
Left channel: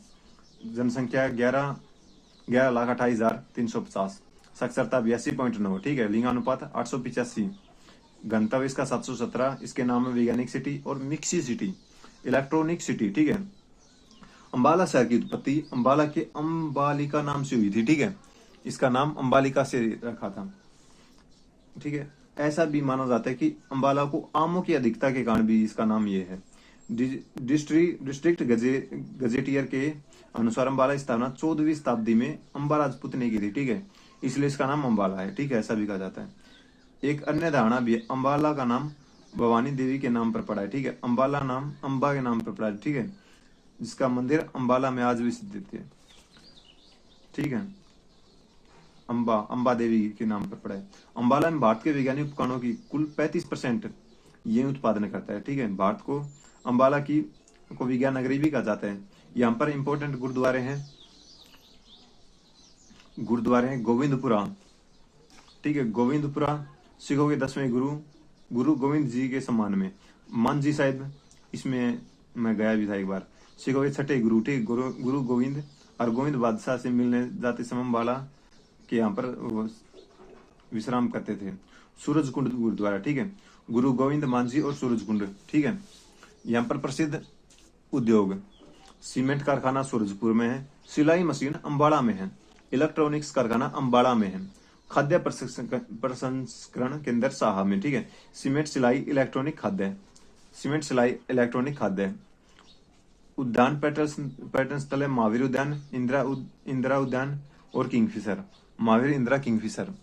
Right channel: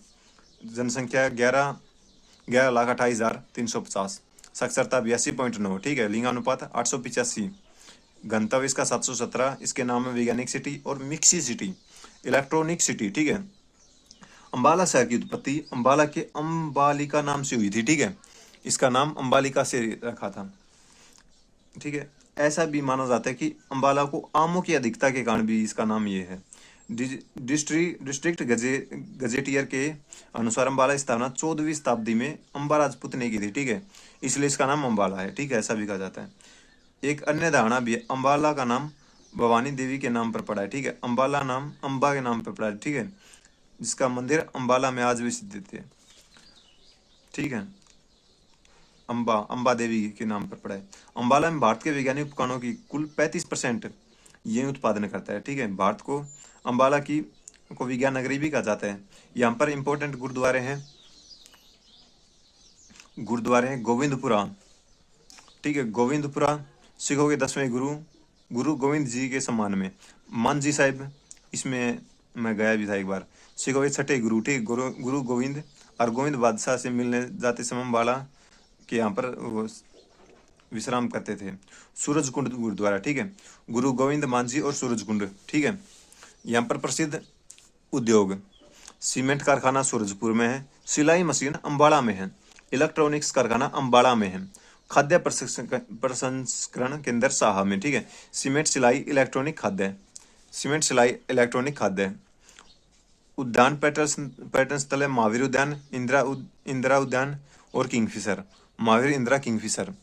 जनसंख्या 11,28,350, साक्षरता 82.9। ठीक है, लिंगानुपात 885, गंतव्य इसका 717, इसके नाम है वैज्ञानिक सिटी और मिक्सी सिटी, इलेक्ट्रॉनिक सिटी। ठीक है, अम्बाला शहर की उत्पत्ति अम्बाला के अम्बालिका नाम से हुई थी। ठीक है, इसका नाम अम्बालिका से रखा था। ठीक है, ऐसा भी माना जाता है कि अम्बाला को आमों की अधिकता के कारण भी इसका नाम ये है। डिस्ट्रिक्ट गजेटियर के अनुसार अम्बाला की स्थापना 14वीं शताब्दी में अम्बा राजपूत ने की थी। ठीक है, इसलिए इसका नाम अम्बाला है। ठीक है, ऐसा भी कहा जाता है। एक अन्य धारणा भी है, अम्बाला का नाम भवानी देवी के नाम पर पड़ा है। ठीक है, अम्बाला नाम अम्बा के नाम पर पड़ा है। ठीक है, जिसका मंदिर अम्बाला में आज भी स्थित है। ठीक है, अम्बा देवी के नाम पर पड़ा है। अम्बाला में भारत के वैज्ञानिक उपकरणों की कुल 35% ये उत्पादन करता है। ठीक है, भारत को अम्बाला को विज्ञान नगरी भी कहा जाता है। यहाँ पर इंपॉर्टेंट गुरुद्वारे हैं गोविंदपुरा। ठीक है, गोविंदपुरा सिखों के 10वें गुरु गोविंद जी के सम्मान में। मानजी साहिब, इसमें मैं गया भी था एक बार। सिखों के 6ठे गुरु। ठीक, गुरु गोविंद और गोविंद बादशाह से मिलने जाते समय अम्बाला के यहाँ पर वो विश्राम करते थे। सूरजकुंड गुरुद्वारा। ठीक है, गुरु गोविंद मांझी और सूरजकुंड। ठीक है, यहाँ पर प्रसिद्ध उद्योग सीमेंट कारखाना सूरजपुर में है, सिलाई मशीन अम्बाला में है, इलेक्ट्रॉनिक्स कारखाना अम्बाला में है, खाद्य प्रसंस्करण केंद्र साहा में। ठीक है, सीमेंट सिलाई इलेक्ट्रॉनिक खाद्य। उद्यान पर्यटन स्थल है महावीर उद्यान, इंदिरा उद्यान और किंगफिशर। महावीर, इंदिरा, किंगफिशर।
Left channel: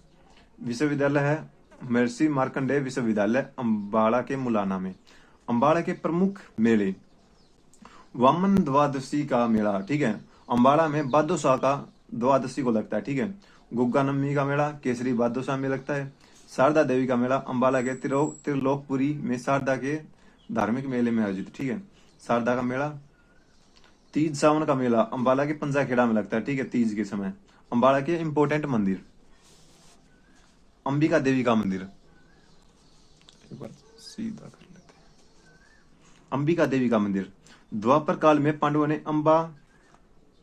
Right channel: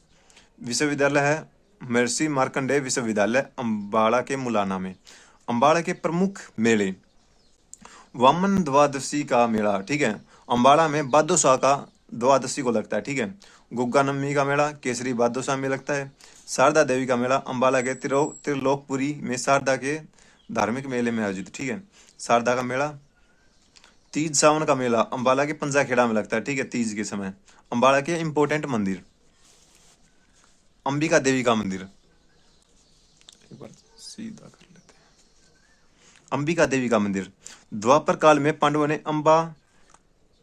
विश्वविद्यालय है महर्षि मार्कंडेय विश्वविद्यालय अम्बाड़ा के मुलाना में। अम्बाड़ा के प्रमुख मेले, वामन द्वादशी का मेला। ठीक है, अम्बाड़ा में बादशाह का द्वादशी को लगता है। ठीक है, गुग्गा नवमी का मेला केसरी बादशाह में लगता है। शारदा देवी का मेला अम्बाला के त्रिलोकपुरी में शारदा के धार्मिक मेले में आयोजित। ठीक है, शारदा का मेला। तीज सावन का मेला अम्बाला के पंजाखेड़ा में लगता है। ठीक है, तीज के समय। अम्बाला के इंपॉर्टेंट मंदिर, अंबिका देवी का मंदिर, एक बार सीधा कर लेते हैं। अंबिका देवी का मंदिर, द्वापर काल में पांडवों ने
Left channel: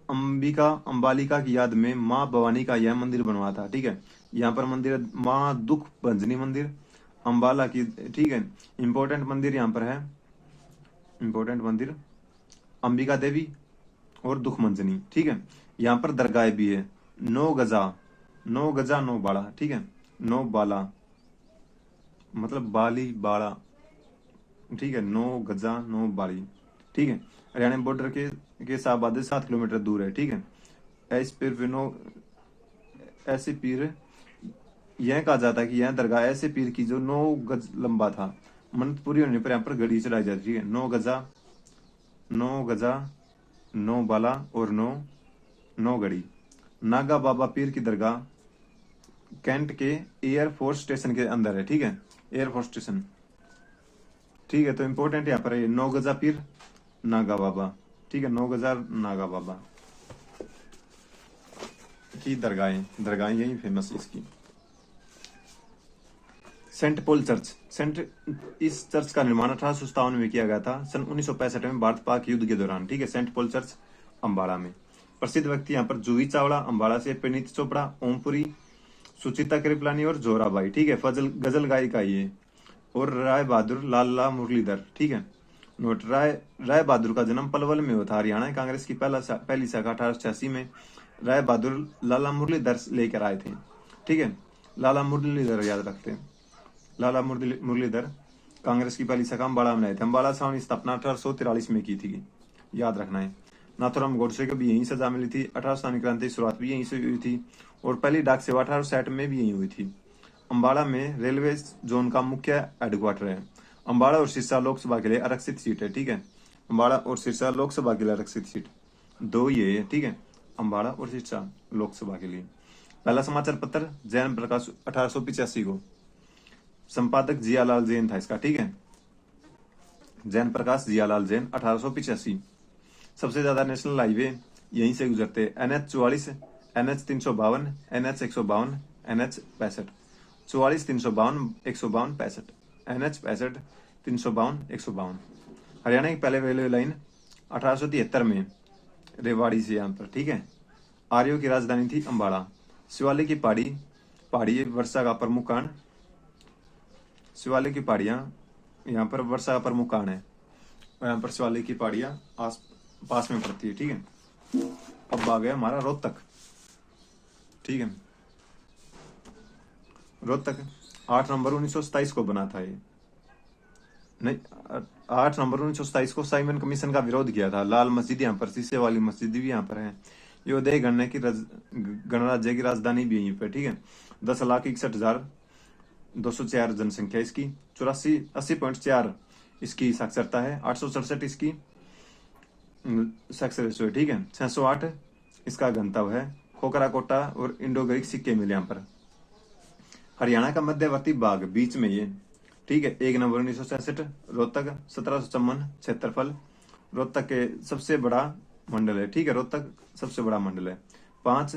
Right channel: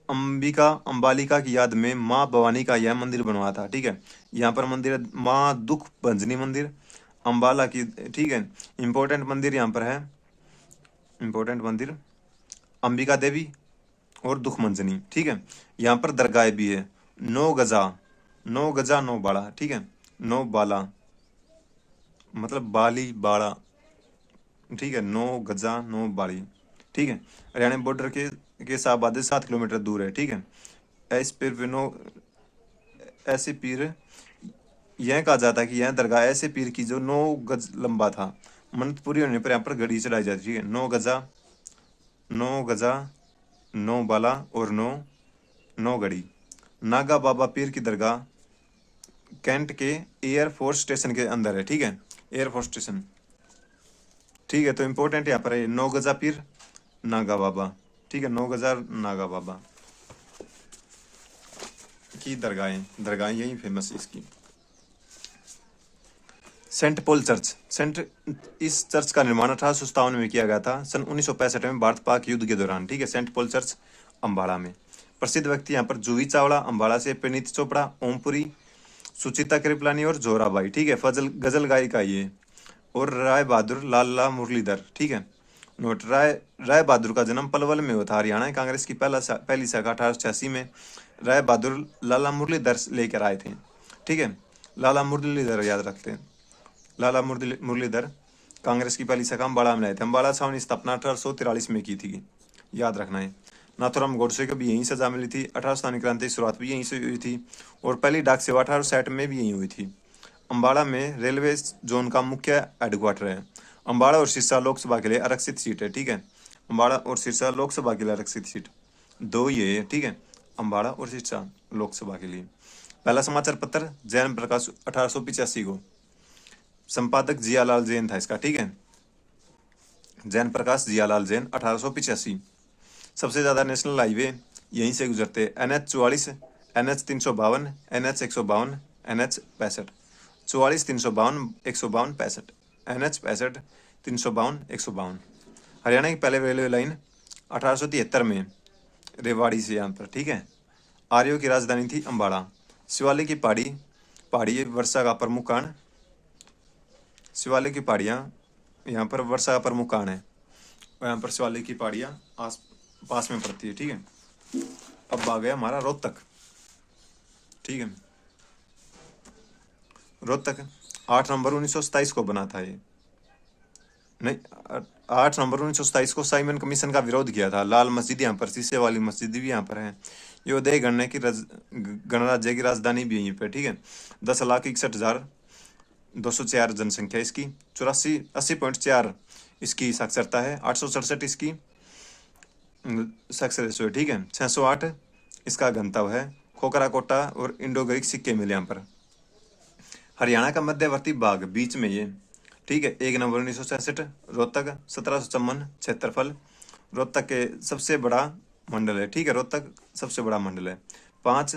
अंबालिका की याद में माँ भवानी का यह मंदिर बनवाया था। ठीक है, यहाँ पर मंदिर है माँ दुख भंजनी मंदिर अम्बाला की। ठीक है, इंपॉर्टेंट मंदिर यहाँ पर है, इंपॉर्टेंट मंदिर अंबिका देवी और दुख मंजनी। ठीक है, यहाँ पर दरगाह भी है। 9 गजा 9 बाड़ा। ठीक है, 9 बाला मतलब बाली बाड़ा। ठीक है, 9 गजा 9 बाली। ठीक है, हरियाणा बॉर्डर के शाहबाद से 7 किलोमीटर दूर है। ठीक है, ऐसे पीर यह कहा जाता है कि यह दरगाह ऐसे पीर की जो 9 गज लंबा था। मन्नत पूरी होने पर यहाँ पर घड़ी चढ़ाई जाती है। ठीक है, 9 गजा 9 बाला और 9 घड़ी। नागा बाबा पीर की दरगाह कैंट के एयरफोर्स स्टेशन के अंदर है, ठीक है, एयरफोर्स स्टेशन। ठीक है, तो इम्पोर्टेंट यहाँ पर है 9 गजा पीर नागा बाबा, ठीक है, 9 गजा नागा बाबा की दरगाहें यही फेमस है इसकी। सेंट पॉल चर्च, इस चर्च का निर्माण 1857 में किया गया था, सन 1965 में भारत पाक युद्ध के दौरान, ठीक है। सेंट पॉल चर्च अम्बाड़ा में। प्रसिद्ध व्यक्ति यहाँ पर जूही चावड़ा अम्बाड़ा से, परिणीत चोपड़ा, ओमपुरी, सुचिता कृपलानी और जोराबाई, ठीक है, फजल गजल गायिका ये, और राय बहादुर लाला मुरलीधर, ठीक है। नोट, राय बहादुर का जन्म पलवल में हुआ था। हरियाणा कांग्रेस की पहली शाखा 1886 में राय बहादुर लाला मुरलीधर लेकर आए थे, ठीक है। लाला मुरलीधर याद रखते हैं, लाला मुरलीधर कांग्रेस की पहली शाखा अम्बाड़ा में लाए थे। अम्बाड़ा छावनी स्थापना 1843 में की थी, याद रखना है। नाथूराम गोडसे को भी यहीं सजा मिली थी। 18 क्रांति की शुरुआत भी यहीं से हुई थी, और पहली डाक सेवा 1860 में भी यहीं हुई थी। अम्बाड़ा में रेलवे जोन का मुख्य हेडक्वार्टर है। अम्बाड़ा और सिरसा लोकसभा के लिए आरक्षित सीट है, ठीक है। अम्बाड़ा और सिरसा लोकसभा के लिए आरक्षित सीट दो ये है, ठीक है, अम्बाड़ा और सिरसा लोकसभा के लिए। पहला समाचार पत्र जैन प्रकाश 1885 को, संपादक जियालाल जैन था इसका, ठीक है, जैन प्रकाश जियालाल जैन 1885। सबसे ज्यादा नेशनल हाईवे यहीं से गुजरते हैं, NH 44, NH 352, NH 152, NH 65, 44 352 152 65, NH 65 352 152। Haryana की पहले रेलवे लाइन 1873 में रेवाड़ी से यहाँ पर, ठीक है। आर्यों की राजधानी थी अम्बाड़ा। शिवालिक की पहाड़ी वर्षा का प्रमुख कारण, शिवालिक की पहाड़ियाँ यहाँ पर वर्षा का प्रमुख कारण है, और यहाँ पर शिवालिक की पहाड़ियाँ पास में पड़ती है, ठीक है। अब आ गया हमारा रोहतक, ठीक है। रोहतक 8 नवंबर 1927 को बना था ये, नहीं, 8 नवंबर 1927 को साइमन कमीशन का विरोध किया था। लाल मस्जिद यहाँ पर, शीशे वाली मस्जिद भी यहाँ पर है। ये उदय गणराज्य की राजधानी भी यहीं पर, ठीक है। 10,61,204 जनसंख्या इसकी, 80.4 इसकी साक्षरता है, 867 इसकी सक्सेस रेशो है, ठीक है। 608 इसका घनत्व है। खोखरा कोटा और इंडो ग्रीक सिक्के मिले यहाँ पर। हरियाणा का मध्यवर्ती भाग बीच में ये, ठीक है। 1 नवंबर 1966 रोहतक, 1754 क्षेत्रफल, रोहतक के सबसे बड़ा मंडल है, ठीक है। रोहतक सबसे बड़ा मंडल है। पांच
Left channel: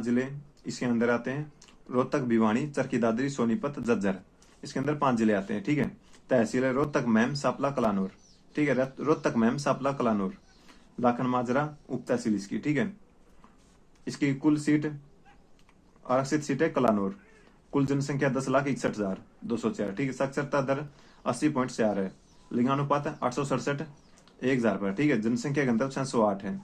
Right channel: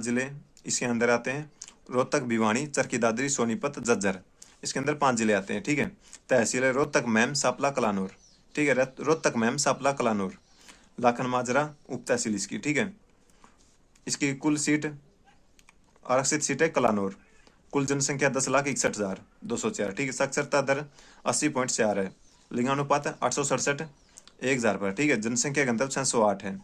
जिले इसके अंदर आते हैं, रोहतक, भिवानी, चरखी दादरी, सोनीपत, झज्जर, इसके अंदर 5 जिले आते हैं, ठीक है। तहसील है रोहतक, मैम, सापला, कलानूर, ठीक है। रोहतक, मैम, सापला, कलानूर, लाखन माजरा उप तहसील इसकी, ठीक है। इसकी कुल सीट, आरक्षित सीट है कलानूर। कुल जनसंख्या 10,61,204, ठीक है। साक्षरता दर 80.4 है। लिंगानुपात 867 1,000 पर, ठीक है। जनसंख्या घनत्व 608 है।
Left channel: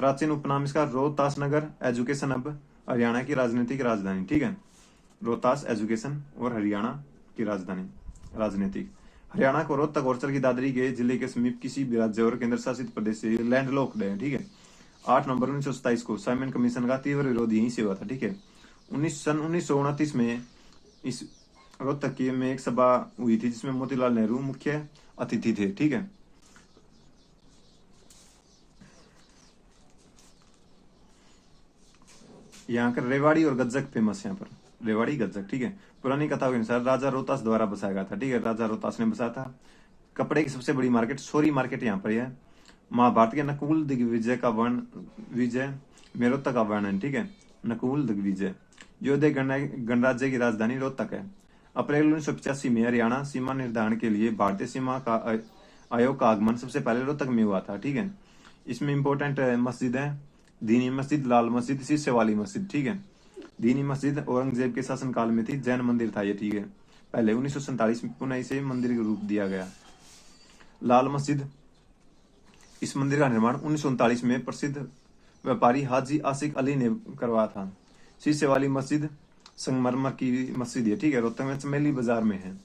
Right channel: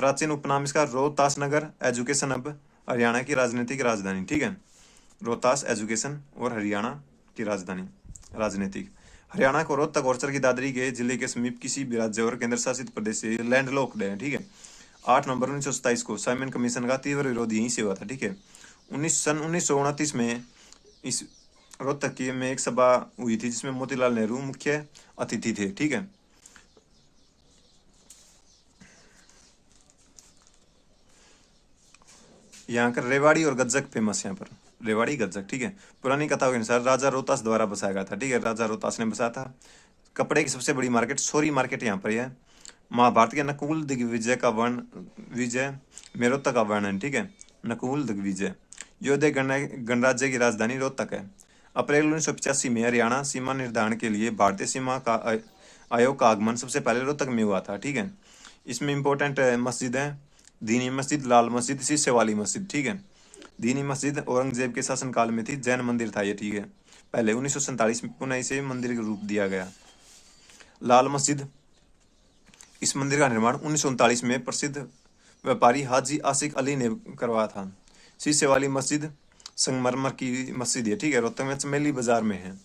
प्राचीन उपनाम इसका रोहतास नगर। एजुकेशन अब हरियाणा की राजनीतिक राजधानी, ठीक है। रोहतास एजुकेशन और हरियाणा की राजधानी राजनीतिक। हरियाणा को रोहतक और चरखी दादरी के जिले के समीप किसी भी राज्य और केंद्र शासित प्रदेश से लैंडलॉक्ड है, ठीक है। 8 नवंबर 1927 को साइमन कमीशन का तीव्र विरोध यहीं से हुआ था, ठीक है। 1929 में इस रोहतक की में एक सभा हुई थी जिसमें मोतीलाल नेहरू मुख्य अतिथि थे, ठीक है। यहाँ का रेवाड़ी और गज्जक फेमस है, यहाँ पर रेवाड़ी गज्जक, ठीक है। पुरानी कथाओं के अनुसार राजा रोहतास द्वारा बसाया गया था, ठीक है। राजा रोहतास ने बसाया था। कपड़े की सबसे बड़ी मार्केट सोरी मार्केट यहाँ पर है। महाभारत के नकुल दिग्विजय का विजय में रोहतक का वर्णन, ठीक है। नकुल दिग्विजय योधे गणराज्य की राजधानी रोहतक है। अप्रैल 1985 में हरियाणा सीमा निर्धारण के लिए भारतीय सीमा का आयोग का आगमन सबसे पहले रोहतक में हुआ था, ठीक है। इसमें इंपॉर्टेंट मस्जिद है, दीनी मस्जिद, लाल मस्जिद, शीशे वाली मस्जिद, ठीक है। दीनी मस्जिद औरंगजेब के शासनकाल में थी, जैन मंदिर था ये, ठीक है। पहले 1947 में पुनः इसे मंदिर का रूप दिया गया। लाल मस्जिद, इस मंदिर का निर्माण 1939 में प्रसिद्ध व्यापारी हाजी आसिक अली ने करवाया था। शीशे वाली मस्जिद संगमरमर की मस्जिद है, ठीक है। रोहतक में चमेली बाजार में है।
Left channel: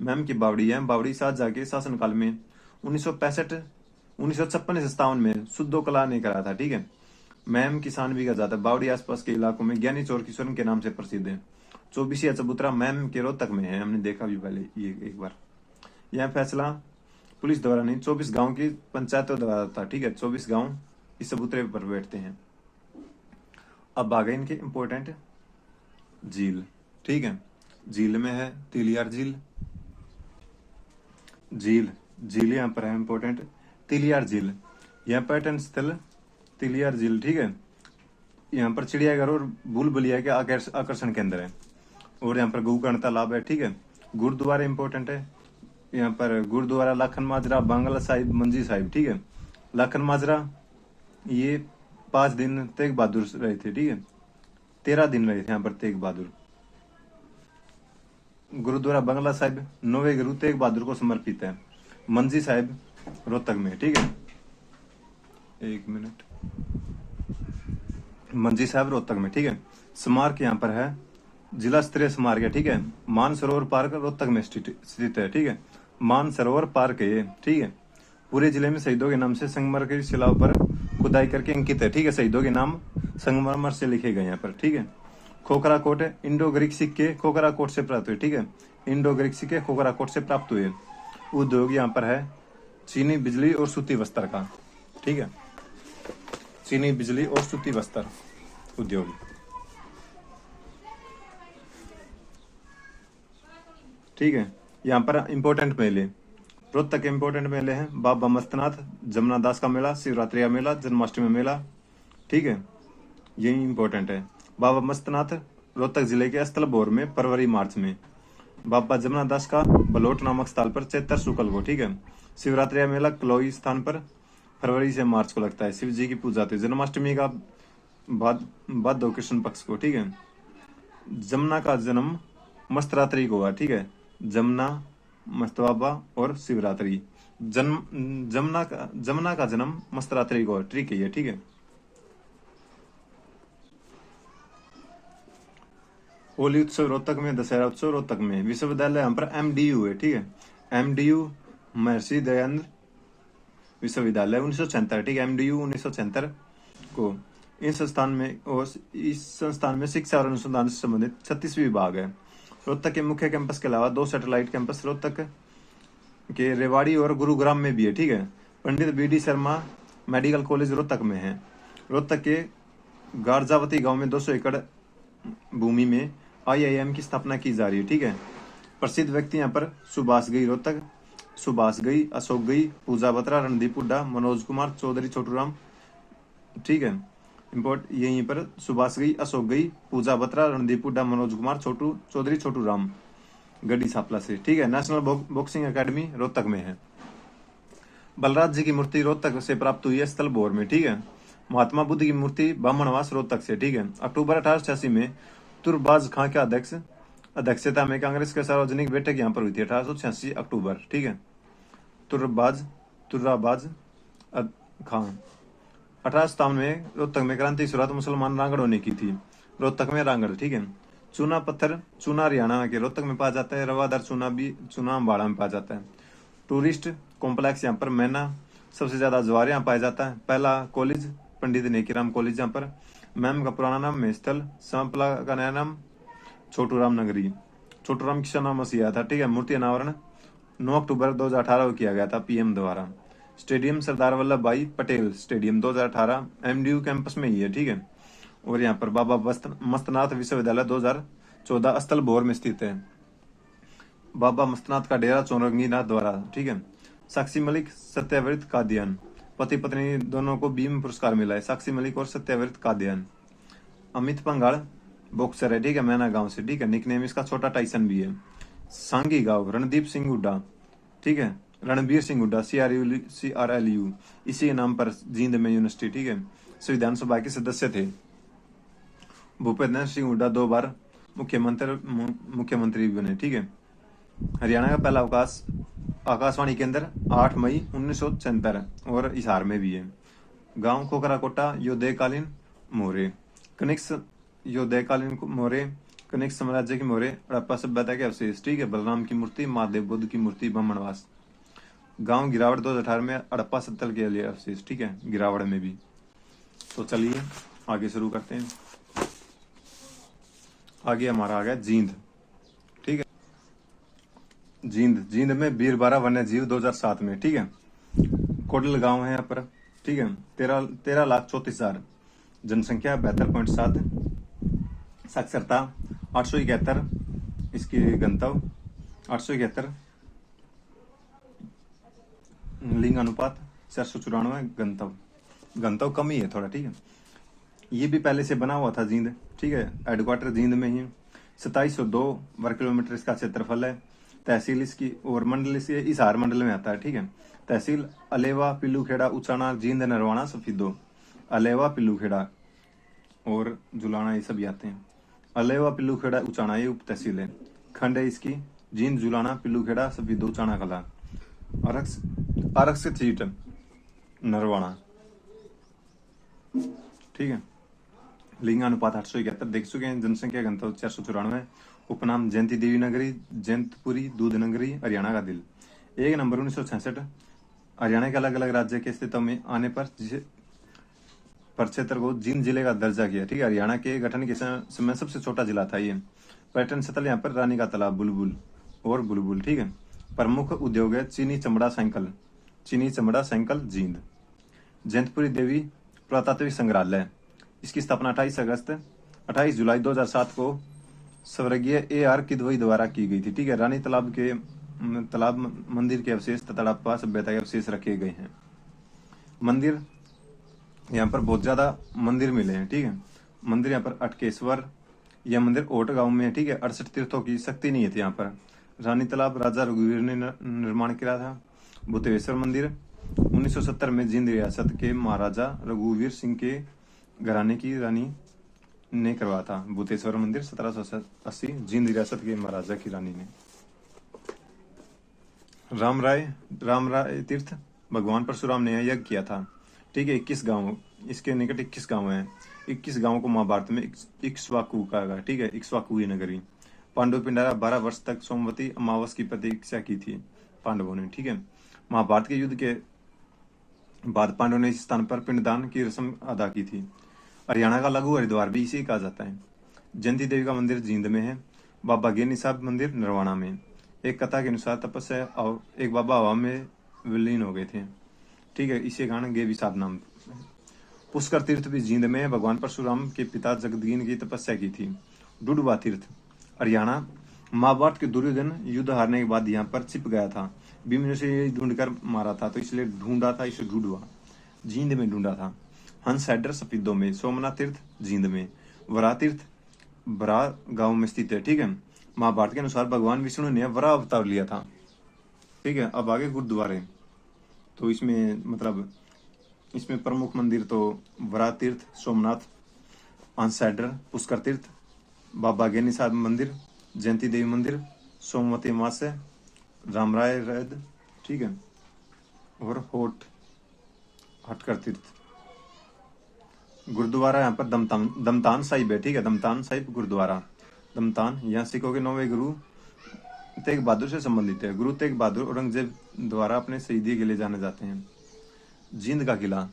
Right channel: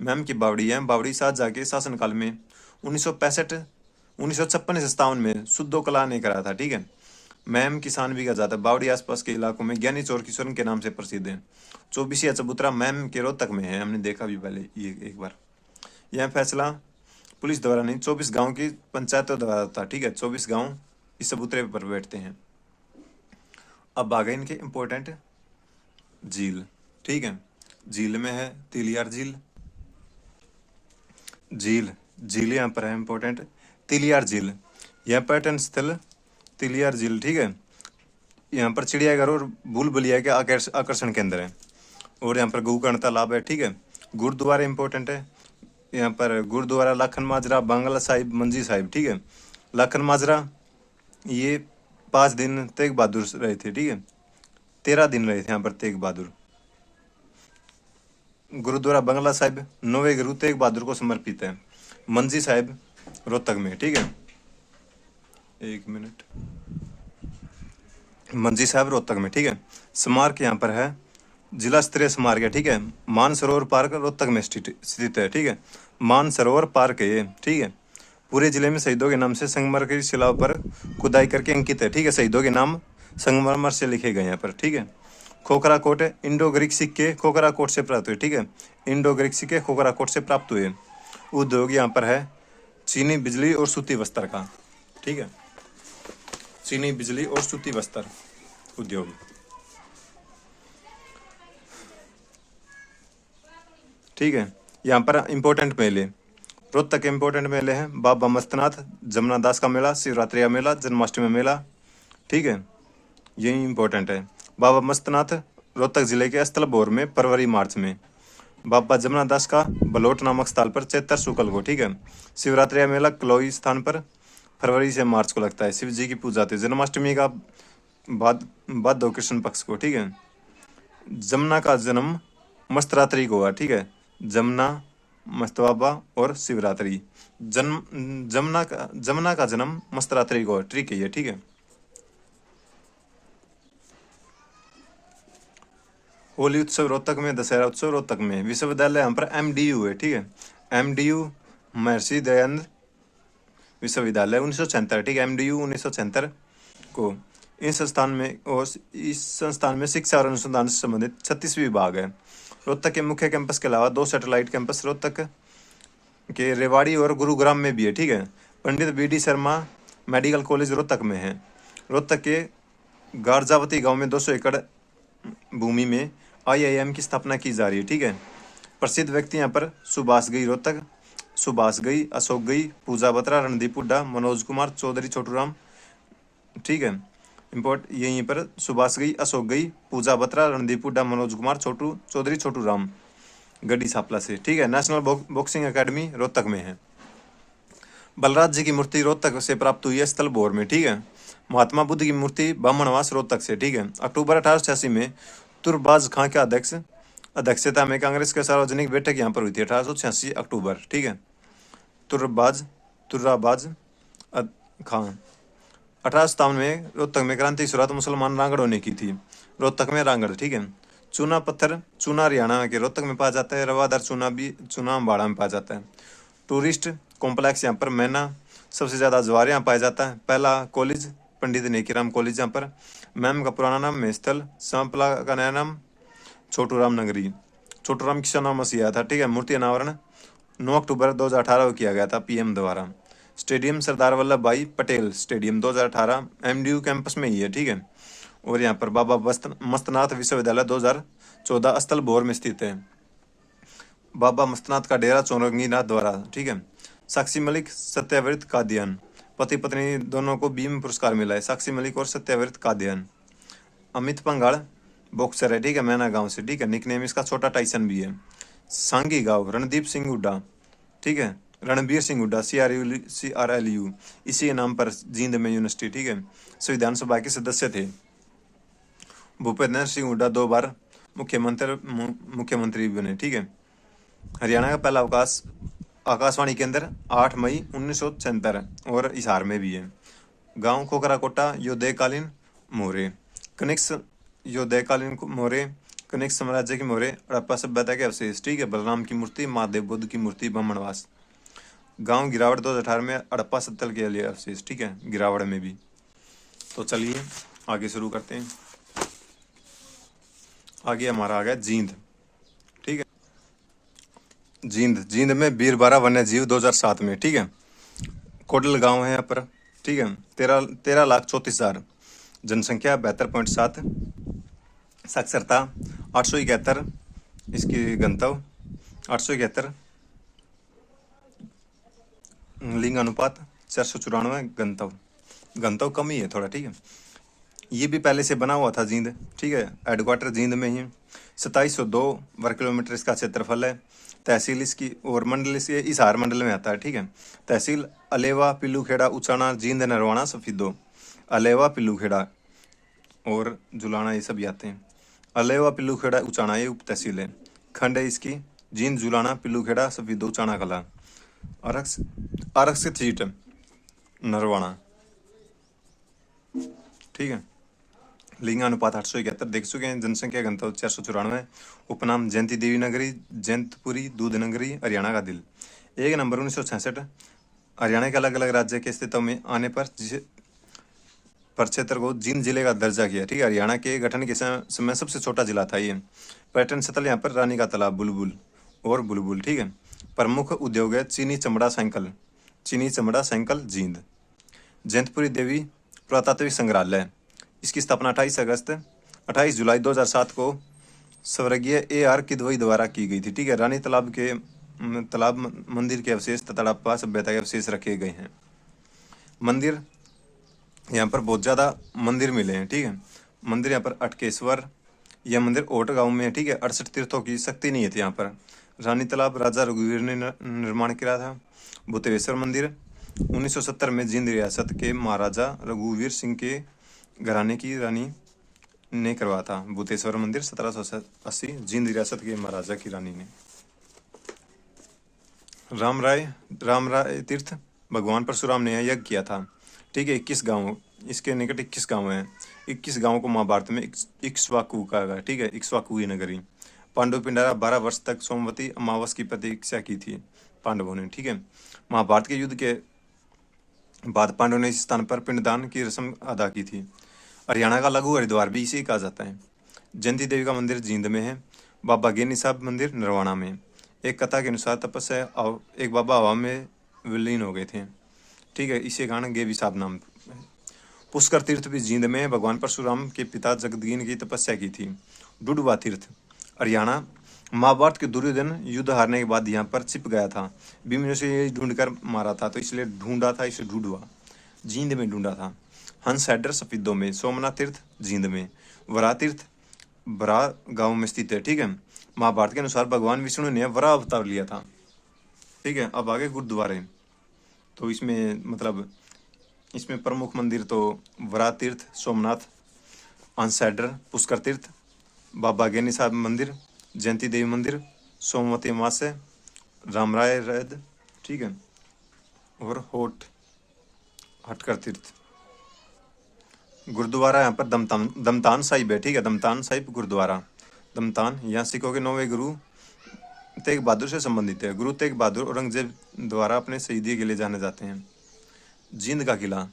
मैम की बावड़ी है। बावड़ी शाहजहाँ के शासनकाल में 1956 में सुद्धो कला ने करा था, ठीक है। मैम किसान भी का जाता है। बावड़ी आसपास के इलाकों में ज्ञानी चोर किशोर के नाम से प्रसिद्ध है। चौबीसिया चबूतरा मैम के रोहतक में है, हमने देखा भी पहले ये एक बार। यह फैसला पुलिस द्वारा नहीं, 24 गांव की पंचायतों द्वारा था, ठीक है। 24 गांव इस चबूतरे पर बैठते हैं। अब आ गए इनके इंपॉर्टेंट झील, ठीक है। झील में है तिलियार झील। झील झील यहाँ पर है इंपॉर्टेंट, तिलियार झील। यह पर्यटन स्थल तिलियार झील, ठीक है, यहाँ पर चिड़ियाघर और भूल भुलैया के आकर्षण केंद्र है। और यहाँ पर गोकर्ण तालाब है, ठीक है। गुरुद्वारा इंपॉर्टेंट है, यहाँ पर गुरुद्वारा लाखन माजरा, बांग्ला साहिब, मंजी साहिब, ठीक है। लाखन माजरा ये 5 दिन तेग बहादुर रहे थे, ठीक है, 13 दिन रहे थे यहाँ पर तेग बहादुर। गुरुद्वारा बंगला साहिब नौवे गुरु तेग बहादुर को समर्पित है। मंजी साहिब रोहतक में, ठीक है, 1 मिनट। मंजी साहब रोहतक में, ठीक है। स्मारक यहाँ पर है, जिला स्तरीय स्मारक है, ठीक है। मानसरोवर पार्क रोहतक में स्थित है, ठीक है। मानसरोवर पार्क है ये, ठीक है। पूरे जिले में शहीदों के नाम से संगमरमर की शिलाओं पर खुदाई करके अंकित है, ठीक है। शहीदों के नाम संगमरमर से लिखे गए यहाँ पर, ठीक है। खोखरा कोट इंडो ग्रीक सिक्के खोखरा कोट से प्राप्त हुए, ठीक है। इंडो ग्रीक सिक्के खोखरा कोट से प्राप्त हुए। उद्योग यहाँ पर है चीनी बिजली और सूती वस्त्र का, ठीक है। चीनी बिजली और सूती वस्त्र उद्योग, ठीक है। यहाँ पर इंपॉर्टेंट मेले, रोहतक के इंपॉर्टेंट मेले हैं बाबा मस्तनाथ, जमुना दास का मेला, शिवरात्रि का मेला, जन्माष्टमी मेला, ठीक है, यही इंपॉर्टेंट है। बाबा मस्तनाथ रोहतक जिले के स्थलभोर में फरवरी मार्च में। बाबा जमुना दास का बलोट नामक स्थल पर चैत्र शुक्ल को, ठीक है। शिवरात्रि का मेला कलोई स्थान पर फरवरी से मार्च को लगता है, शिव जी की पूजा होती है। जन्माष्टमी का भादव कृष्ण पक्ष को, ठीक है। जमुना का जन्म मस्तरात्रि को हुआ, ठीक है। जमुना, मस्तबाबा और शिवरात्रि। जमुना का जन्म मस्तरात्रि को, ठीक है ये, ठीक है। होली उत्सव रोहतक में, दशहरा उत्सव रोहतक में। विश्वविद्यालय यहाँ पर MDU है, ठीक है। MDU महर्षि दयानंद विश्वविद्यालय 1976, ठीक है। MDU 1976 को। इस संस्थान में शिक्षा और अनुसंधान से संबंधित 36 विभाग है। रोहतक के मुख्य कैंपस के अलावा 2 सैटेलाइट कैंपस रोहतक के रेवाड़ी और गुरुग्राम में भी है, ठीक है। पंडित BD Sharma medical college Rohtak में है। रोहतक के गारजावती गांव में 200 एकड़ भूमि में IIM की स्थापना की जा रही है, ठीक है। प्रसिद्ध व्यक्ति यहाँ पर सुभाष गई रोहतक, सुभाष गई, अशोक गई, पूजा बत्रा, रणदीप हुड्डा, मनोज कुमार चौधरी, छोटूराम, ठीक है। यहीं पर सुभाष गई, अशोक गई, पूजा बत्रा, रणदीप हुड्डा, मनोज कुमार चौधरी, छोटूराम, गड्डी सापला से, ठीक है। नेशनल बॉक्सिंग अकेडमी रोहतक में है। बलराज जी की मूर्ति रोहतक से प्राप्त हुई है स्थलभोर में, ठीक है। महात्मा बुद्ध की मूर्ति बामणवास रोहतक से, ठीक है। अक्टूबर 1886 में तुरबाज खां के अध्यक्षता में कांग्रेस के सार्वजनिक बैठक यहाँ पर हुई थी, 1886 अक्टूबर, ठीक है। तुर्राबाज खां। 1857 में रोहतक में क्रांति की शुरुआत मुसलमान रांगड़ों ने की थी, रोहतक में रांगड़, ठीक है। चूना पत्थर, चूना हरियाणा के रोहतक में पाया जाता है। रवादार चूना भी चूना अम्बाड़ा में पाया जाता है। टूरिस्ट कॉम्प्लेक्स यहाँ पर मैना सबसे ज़्यादा जवार यहाँ पाया जाता है। पहला कॉलेज पंडित नेकीराम कॉलेज यहाँ पर। मैम का पुराना नाम मेस्थल, सांपला का नया नाम छोटूराम नगरी। छोटूराम किसान नाम मसीहा था, ठीक है। मूर्ति अनावरण 9 अक्टूबर 2018 को किया गया था PM द्वारा। स्टेडियम सरदार वल्लभ भाई पटेल स्टेडियम 2018 MDU कैंपस में ही है, ठीक है। और यहाँ पर बाबा मस्तनाथ विश्वविद्यालय 2014 स्थलभोर में स्थित है। बाबा मस्तनाथ का डेरा चौरंगीनाथ द्वारा, ठीक है। साक्षी मलिक, सत्याव्रत कादियान, पति पत्नी दोनों को भीम पुरस्कार मिला है, साक्षी मलिक और सत्याव्रत कादियान। अमित पंगाड़ बॉक्सर है, ठीक है, मैना गांव से, ठीक है। निकनेम इसका छोटा टाइसन भी है। सांगी गांव रणदीप सिंह हुड्डा, ठीक है। रणबीर सिंह हुड्डा CRLU इसी नाम पर जींद में यूनिवर्सिटी, ठीक है। संविधान सभा के सदस्य थे। भूपेंद्र सिंह हुड्डा 2 बार मुख्यमंत्री बने, ठीक है। हरियाणा का पहला आकाशवाणी केंद्र 8 मई 1976 और हिसार में भी है। गांव खोखरा कोटा योदयकालीन मोरे, कनिष्क योदयकालीन मोरे, कनिष्क साम्राज्य की मोरे, हड़प्पा सभ्यता के अवशेष, ठीक है। बलराम की मूर्ति, महादेव बुद्ध की मूर्ति, बामणवास। गांव गिरावड़ 2018 में हड़प्पा सत्तल के लिए अवशेष, ठीक है, गिरावड़ में भी। तो चलिए आगे शुरू करते हैं। आगे हमारा आ गया जींद, ठीक है। जींद में बीरबारा वन्य जीव 2007 में, ठीक है। कोडल गांव है यहाँ पर, ठीक है। 13,34,000 जनसंख्या, 72.7 साक्षरता 871 इसकी गंतव्य, 871 लिंग अनुपात, 494 गंतव्य। गंतव्य कम ही है थोड़ा, ठीक है। ये भी पहले से बना हुआ था जींद, ठीक है, हेडक्वार्टर जींद में ही। 2702 वर्ग किलोमीटर इसका क्षेत्रफल है। तहसील इसकी और मंडल इसके हिसार मंडल में आता है, ठीक है। तहसील अलेवा, पिल्लूखेड़ा, उचाना, जींद, नरवाना, सफीदो। अलेवा, पिल्लूखेड़ा और जुलाना ये सभी आते हैं। अलेवा, पिल्लूखेड़ा, उचाना ये उप तहसील है। खंड है इसकी जींद, जुलाना, पिल्लूखेड़ा, सफीदो, चाना कला। आरक्षित सीट नरवाना, ठीक है। लिंगानुपात 871 देख चुके हैं। जनसंख्या घनत्व 494। उपनाम जयंती देवी नगरी, जयंतपुरी, दूध नगरी, हरियाणा का दिल। 1 नवंबर 1966 हरियाणा के अलग अलग राज्य के अस्तित्व में आने पर क्षेत्र को जींद जिले का दर्जा किया, ठीक है। हरियाणा के गठन के समय सबसे छोटा जिला था ये। पर्यटन स्थल यहाँ पर रानी का तालाब, बुलबुल और बुलबुल, ठीक है। प्रमुख उद्योग है चीनी चमड़ा साइकिल, चीनी चमड़ा साइकिल जींद। जयंतपुरी देवी पुरातात्विक संग्रहालय, इसकी स्थापना 28 जुलाई 2007 को स्वर्गीय AR किदवई द्वारा की गई थी, ठीक है। रानी तालाब मंदिर के अवशेष तथा हड़प्पा सभ्यता के अवशेष रखे गए हैं। मंदिर यहाँ पर बहुत ज़्यादा मंदिर मिले हैं, ठीक है। मंदिर यहाँ पर अटकेश्वर, यह मंदिर ओट गांव में है, ठीक है। 68 तीर्थों की शक्ति नहीं थी यहाँ पर। रानी तालाब राजा रघुवीर ने निर्माण किया था। भूतेश्वर मंदिर 1970 में जींद रियासत के महाराजा रघुवीर सिंह के घराने की रानी ने करवाया था। भूतेश्वर मंदिर 1780 जींद रियासत के महाराजा की रानी ने। राम राय तीर्थ भगवान परशुराम ने यज्ञ किया था, ठीक है। 21 गांव, इसके निकट 21 गांव हैं। 21 गांवों को महाभारत में इक्ष्वाकु कहा गया, ठीक है। इक्ष्वाकु नगरी। पांडु पिंडारा 12 वर्ष तक सोमवती अमावस की प्रतीक्षा की थी पांडवों ने, ठीक है। महाभारत के युद्ध के बाद पांडवों ने इस स्थान पर पिंडदान की रस्म अदा की थी। हरियाणा का लघु हरिद्वार भी इसे कहा जाता है। जयंती देवी का मंदिर जींद में है। बाबा गेनी साहब मंदिर नरवाना में। एक कथा के अनुसार तपस्या एक बाबा हवा में विलीन हो गए थे, ठीक है। इसे कारण गेवी साहब नाम। पुष्कर तीर्थ भी जींद में भगवान परशुराम के पिता जगदीन की तपस्या की थी। डुडवा तीर्थ हरियाणा। महाभारत के दुर्योधन युद्ध हारने के बाद यहाँ पर छिप गया था। भीम ने उसे ये ढूंढ कर मारा था, तो इसलिए ढूंढा था, इसे ढूंढवा जींद में ढूंढा था। हंस हैडर सफीदों में। सोमनाथ तीर्थ जींद में। वरा तीर्थ बरा गांव में स्थित है, ठीक है। महाभारत के अनुसार भगवान विष्णु ने वरा अवतार लिया था, ठीक है। अब आगे गुरुद्वारे, तो इसमें मतलब इसमें प्रमुख मंदिर तो वरा तीर्थ, सोमनाथ, हंस हैडर, पुष्कर तीर्थ, बाबा गेनी साहब मंदिर, जयंती देवी मंदिर, सोमवती अमावस्या, रामराय रैद, ठीक है, और हटकर तीर्थ। गुरुद्वारा यहाँ पर दमतान साहिब है, ठीक है। दमतान साहिब गुरुद्वारा। दमतान यहाँ सिखों के 9वें गुरु तेग बहादुर से संबंधित है। गुरु तेग बहादुर औरंगजेब द्वारा अपने शहीदी के लिए जाने जाते हैं। जींद का किला।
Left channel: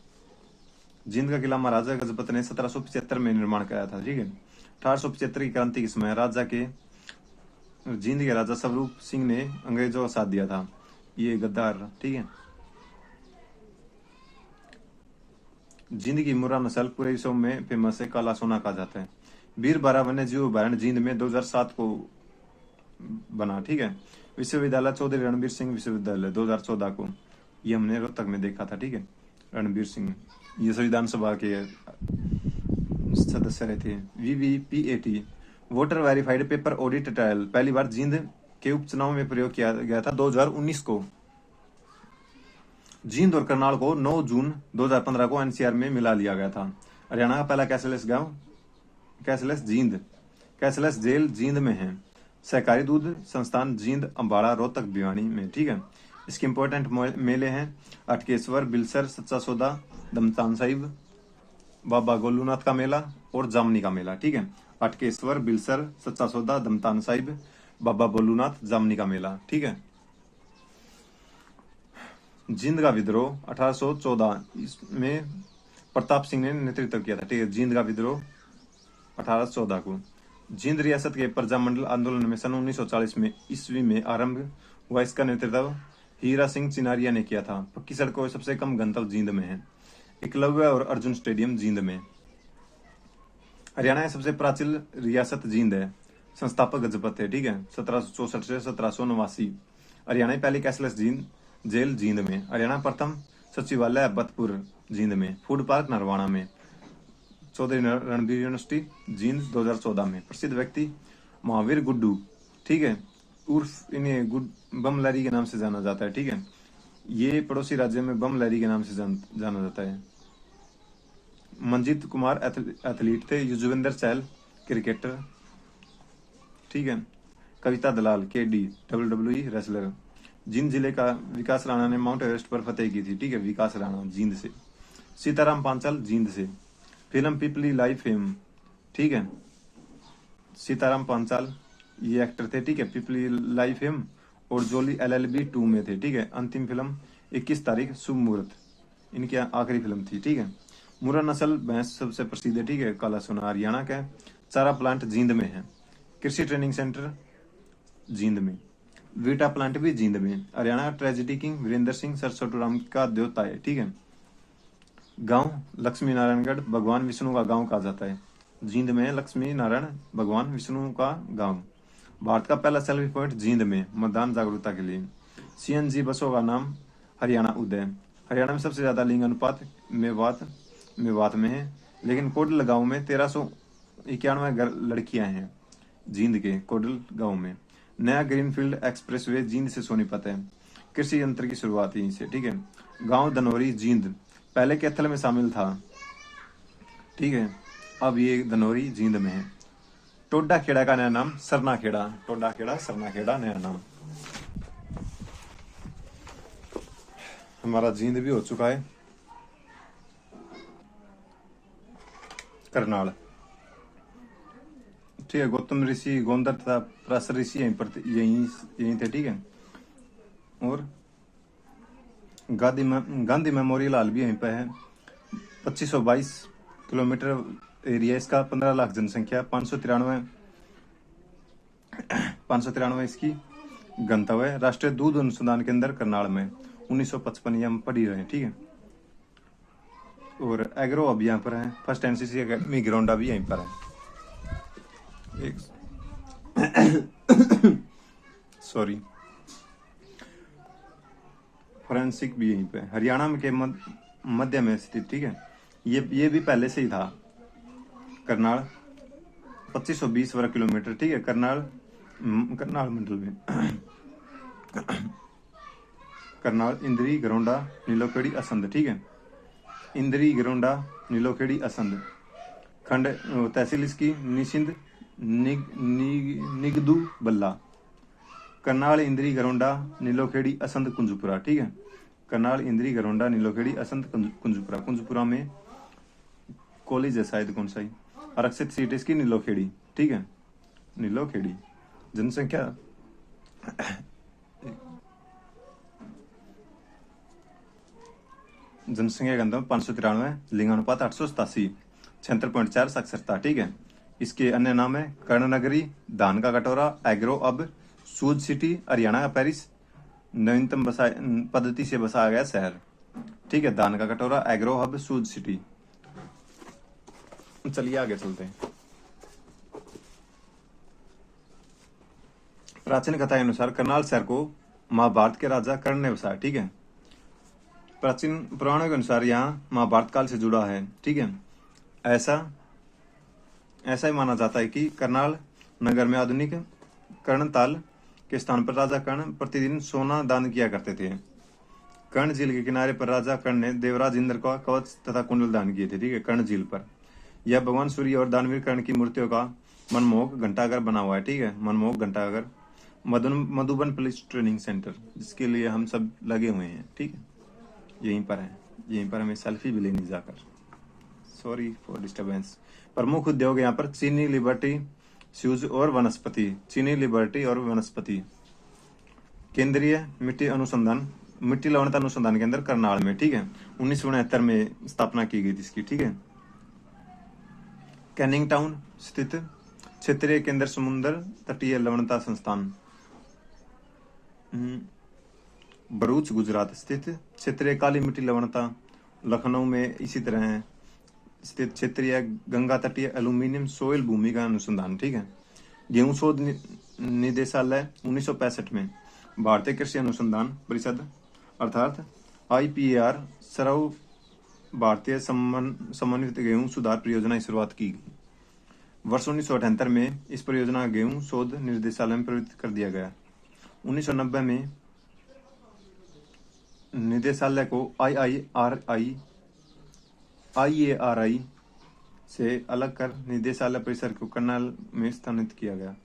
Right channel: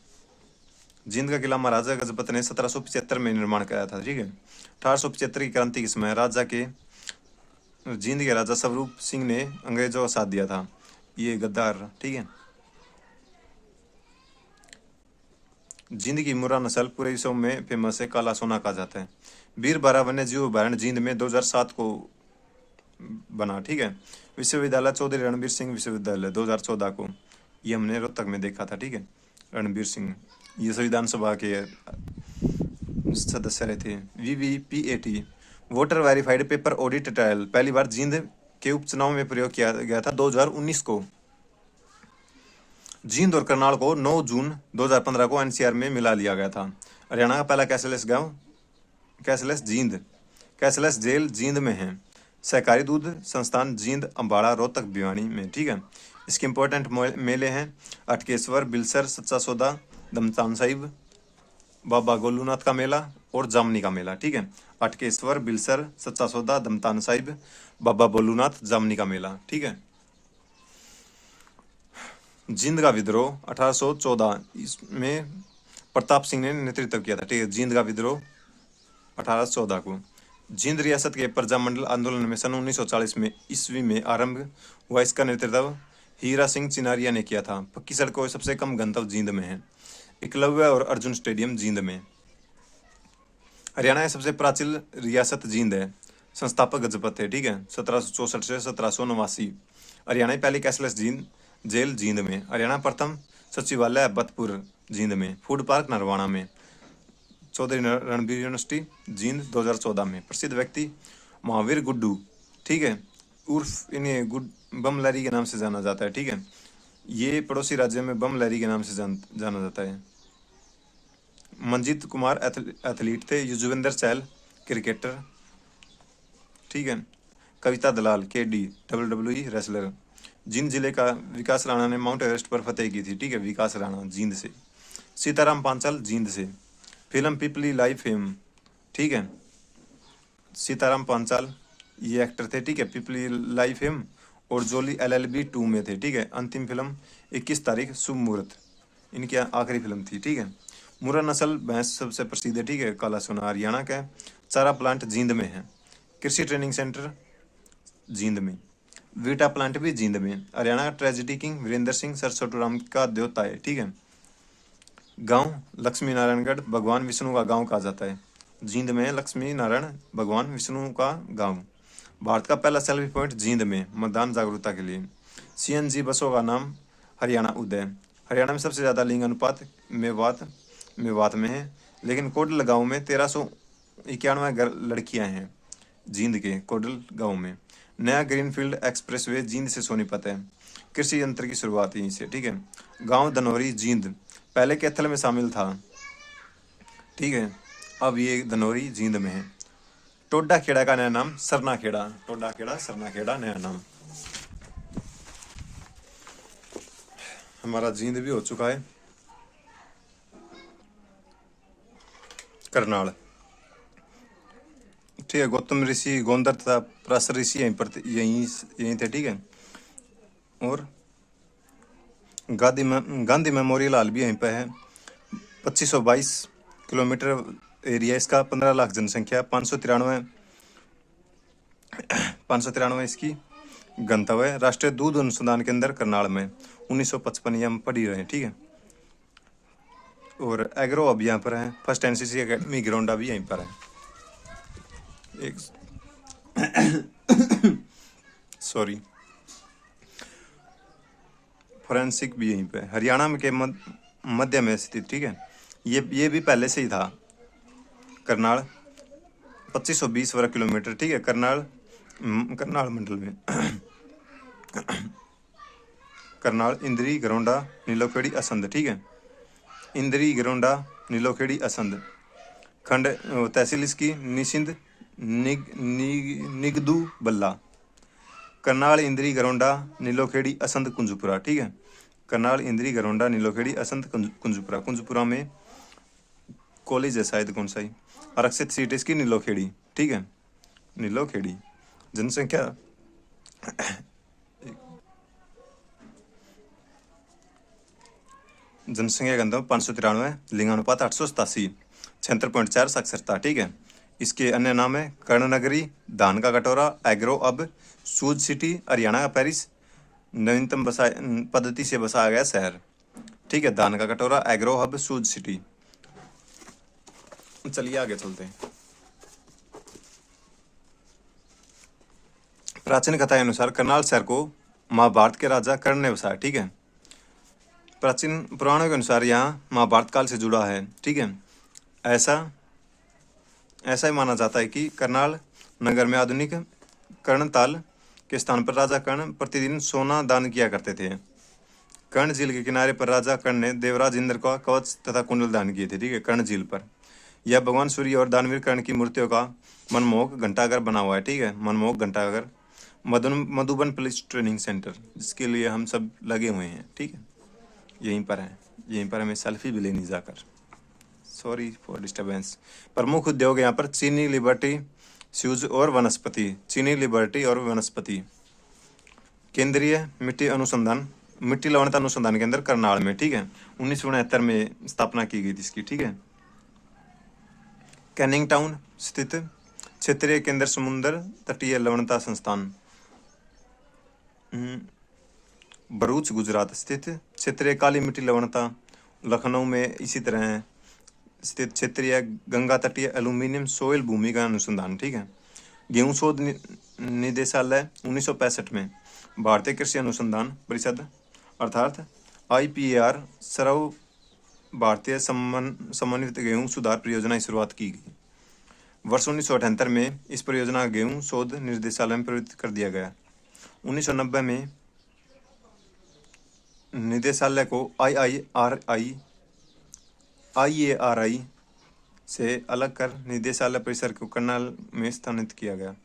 जींद का किला महाराजा गजपत ने 1775 में निर्माण कराया था, ठीक है। 1875 की क्रांति के समय जींद के राजा स्वरूप सिंह ने अंग्रेजों का साथ दिया था। ये गद्दार, ठीक है। जींद की मुर्रा नस्ल पूरे विश्व में फेमस है, काला सोना कहा जाता है। वीर बारा वन्य जीव अभयारण्य जींद में 2007 को बना, ठीक है। विश्वविद्यालय चौधरी रणबीर सिंह विश्वविद्यालय 2014 को, ये हमने रोहतक में देखा था, ठीक है। रणबीर सिंह ये संविधान सभा के सदस्य रहे थे। VVPAT voter verified paper audit trial पहली बार जींद के उपचुनाव में प्रयोग किया गया था 2019 को। जींद और करनाल को 9 जून 2015 को NCR में मिला लिया गया था। हरियाणा का पहला कैशलेस गांव कैशलेस जेल जींद में है। सहकारी दूध संस्थान जींद, अम्बाड़ा, रोहतक, भिवानी में, ठीक है। इसके इंपॉर्टेंट मेले हैं अटकेश्वर, बिलसर, सच्चा सौदा, दमतान साहिब, बाबा गोलूनाथ का मेला और जामनी का मेला, ठीक है। अटकेश्वर, बिलसर, सच्चा सौदा, दमतान साहिब, बाबा बोलूनाथ, जामनी का मेला, ठीक है। जींद का विद्रोह 1814 इसमें प्रताप सिंह ने नेतृत्व किया था, ठीक है। जींद का विद्रोह 1814 को। जींद रियासत के प्रजामंडल आंदोलन में सन 1940 में ईस्वी में आरंभ हुआ। इसका नेतृत्व हीरा सिंह चिनारिया ने किया था। पक्की सड़कों सबसे कम गंतव्य जींद में है। एकलव्य और अर्जुन स्टेडियम जींद में। हरियाणा की सबसे प्राचीन रियासत जींद है। संस्थापक गजपत थे, ठीक है, 1764 से 1789। हरियाणा की पहली कैशलेस जेल जींद में। हरियाणा प्रथम सचिवालय बतपुर जींद में। फूड पार्क नरवाणा में। चौधरी रणबीर यूनिवर्सिटी जींद 2014 में। प्रसिद्ध व्यक्ति महावीर गुड्डू, ठीक है, उर्फ इन्हें बम लहरी के नाम से जाना जाता है, ठीक है, ये पड़ोसी राज्य में बम लहरी के नाम से जाना जाता है। मंजीत कुमार एथलीट थे। युजवेंद्र चहल क्रिकेटर, ठीक है। कविता दलाल KD WWE रेसलर। जींद जिले का विकास राणा ने माउंट एवरेस्ट पर फतेह की थी, ठीक है, विकास राणा जींद से। सीताराम पांचाल जींद से। फिल्म पीपली लाइव फेम, ठीक है, सीताराम पांचाल ये एक्टर थे, ठीक है, पीपली लाइव फेम और जोली LLB 2 में थे, ठीक है। अंतिम फिल्म 21 तारीख शुभ मुहूर्त इनकी आखिरी फिल्म थी, ठीक है। मुर्रा नस्ल भैंस सबसे प्रसिद्ध है, ठीक है, काला सोना हरियाणा का है। चारा प्लांट जींद में है। कृषि ट्रेनिंग सेंटर जींद में। वीटा प्लांट भी जींद में। हरियाणा ट्रेजेडी किंग वीरेंद्र सिंह सरसोटूराम का देवता है, ठीक है। गांव लक्ष्मी नारायणगढ़ भगवान विष्णु का गांव कहा जाता है। जींद में लक्ष्मी नारायण भगवान विष्णु का गांव। भारत का पहला सेल्फी पॉइंट जींद में मतदान जागरूकता के लिए। CNG बसों का नाम हरियाणा उदय। हरियाणा में सबसे ज्यादा लिंग अनुपात मेवात में है, लेकिन कोडल गांव में 1391 लड़कियां हैं। जींद के कोडल गांव में। नया ग्रीनफील्ड एक्सप्रेसवे जींद से सोनीपत है। कृषि यंत्र की शुरुआत यहीं से, ठीक है। गांव धनौरी जींद पहले कैथल में शामिल था, ठीक है, अब ये धनौरी जींद में है। टोडा खेड़ा का नया नाम सरना खेड़ा। टोडा खेड़ा सरना खेड़ा नया नाम। हमारा जींद भी हो चुका है। करनाल, ठीक है, गौतम ऋषि गोंदर तथा पराशर ऋषि यहीं थे, ठीक है। और गांधी मेमोरियल हॉल भी यहीं पे है। 2522 किलोमीटर एरिया इसका। 15 लाख जनसंख्या। 593 इसकी गंतव्य। राष्ट्रीय दूध अनुसंधान केंद्र करनाल में 1955 हम पढ़ ही रहे हैं, ठीक है। और एग्रो अब यहाँ पर है। फर्स्ट NCC अकेडमी ग्राउंडा भी यहीं पर है। एक सॉरी, फोरेंसिक भी यहीं पे है। हरियाणा में के मध्य में स्थित, ठीक है, ये भी पहले से ही था। करनाल 2520 वर्ग किलोमीटर, ठीक है, करनाल मंडल में। करनाल इंद्री गरोंडा नीलोखेड़ी असंध, ठीक है, इंद्री गरोंडा नीलोखेड़ी असंध। खंड तहसील इसकी निसिंध निगदू बल्ला। करनाल इंद्री गरोंडा नीलोखेड़ी असंध कुंजपुरा, ठीक है, करनाल इंद्री गरोंडा नीलोखेड़ी असंध कुंजपुरा। कुंजपुरा में कॉलेज है शायद कौन सा ही। आरक्षित सीट इसकी नीलोखेड़ी, ठीक है, नीलोखेड़ी। जनसंख्या घनत्व 593। लिंगानुपात 887। 76.4 साक्षरता, ठीक है। इसके अन्य नाम है कर्णनगरी, धान का कटोरा, एग्रो अब, सूज सिटी, हरियाणा का पेरिस, नवीनतम पद्धति से बसाया गया शहर, ठीक है। धान का कटोरा, एग्रो हब, सूज सिटी। चलिए आगे चलते हैं। प्राचीन कथा के अनुसार करनाल शहर को महाभारत के राजा कर्ण ने बसाया, ठीक है। प्राचीन पुराणों के अनुसार यहाँ महाभारत काल से जुड़ा है, ठीक है। ऐसा ही माना जाता है कि करनाल नगर में आधुनिक कर्णताल के स्थान पर राजा कर्ण प्रतिदिन सोना दान किया करते थे। कर्ण झील के किनारे पर राजा कर्ण ने देवराज इंद्र का कवच तथा कुंडल दान किए थे, ठीक है, कर्ण झील पर। यह भगवान सूर्य और दानवीर कर्ण की मूर्तियों का मनमोहक घंटाघर बना हुआ है, ठीक है, मनमोहक घंटाघर। मधुबन पुलिस ट्रेनिंग सेंटर, जिसके लिए हम सब लगे हुए हैं, ठीक है, यहीं पर है। यहीं पर हमें सेल्फी भी लेनी जाकर। Sorry for disturbance. प्रमुख उद्योग यहाँ पर चीनी, लिबर्टी, शूज और वनस्पति। चीनी, लिबर्टी और वनस्पति। केंद्रीय मिट्टी लवणता अनुसंधान केंद्र करनाल में, ठीक है, 1969 में स्थापना की गई थी इसकी, ठीक है। कैनिंग टाउन स्थित क्षेत्रीय केंद्र समुद्र तटीय लवणता संस्थान। भरूच गुजरात स्थित क्षेत्रीय काली मिट्टी लवणता। लखनऊ में इसी तरह स्थित क्षेत्रीय गंगा तटीय एल्यूमिनियम सोयल भूमि का अनुसंधान, ठीक है। गेहूं शोध निदेशालय 1965 में। भारतीय कृषि अनुसंधान परिषद अर्थात IPAR सर्व भारतीय समन्वित गेहूं सुधार परियोजना की शुरुआत की गई। वर्ष 1978 में इस परियोजना का गेहूं शोध निर्देशालय में परिवर्तित कर दिया गया। 1990 में निदेशालय को IARI से अलग कर निदेशालय परिसर को करनाल में स्थानित किया गया।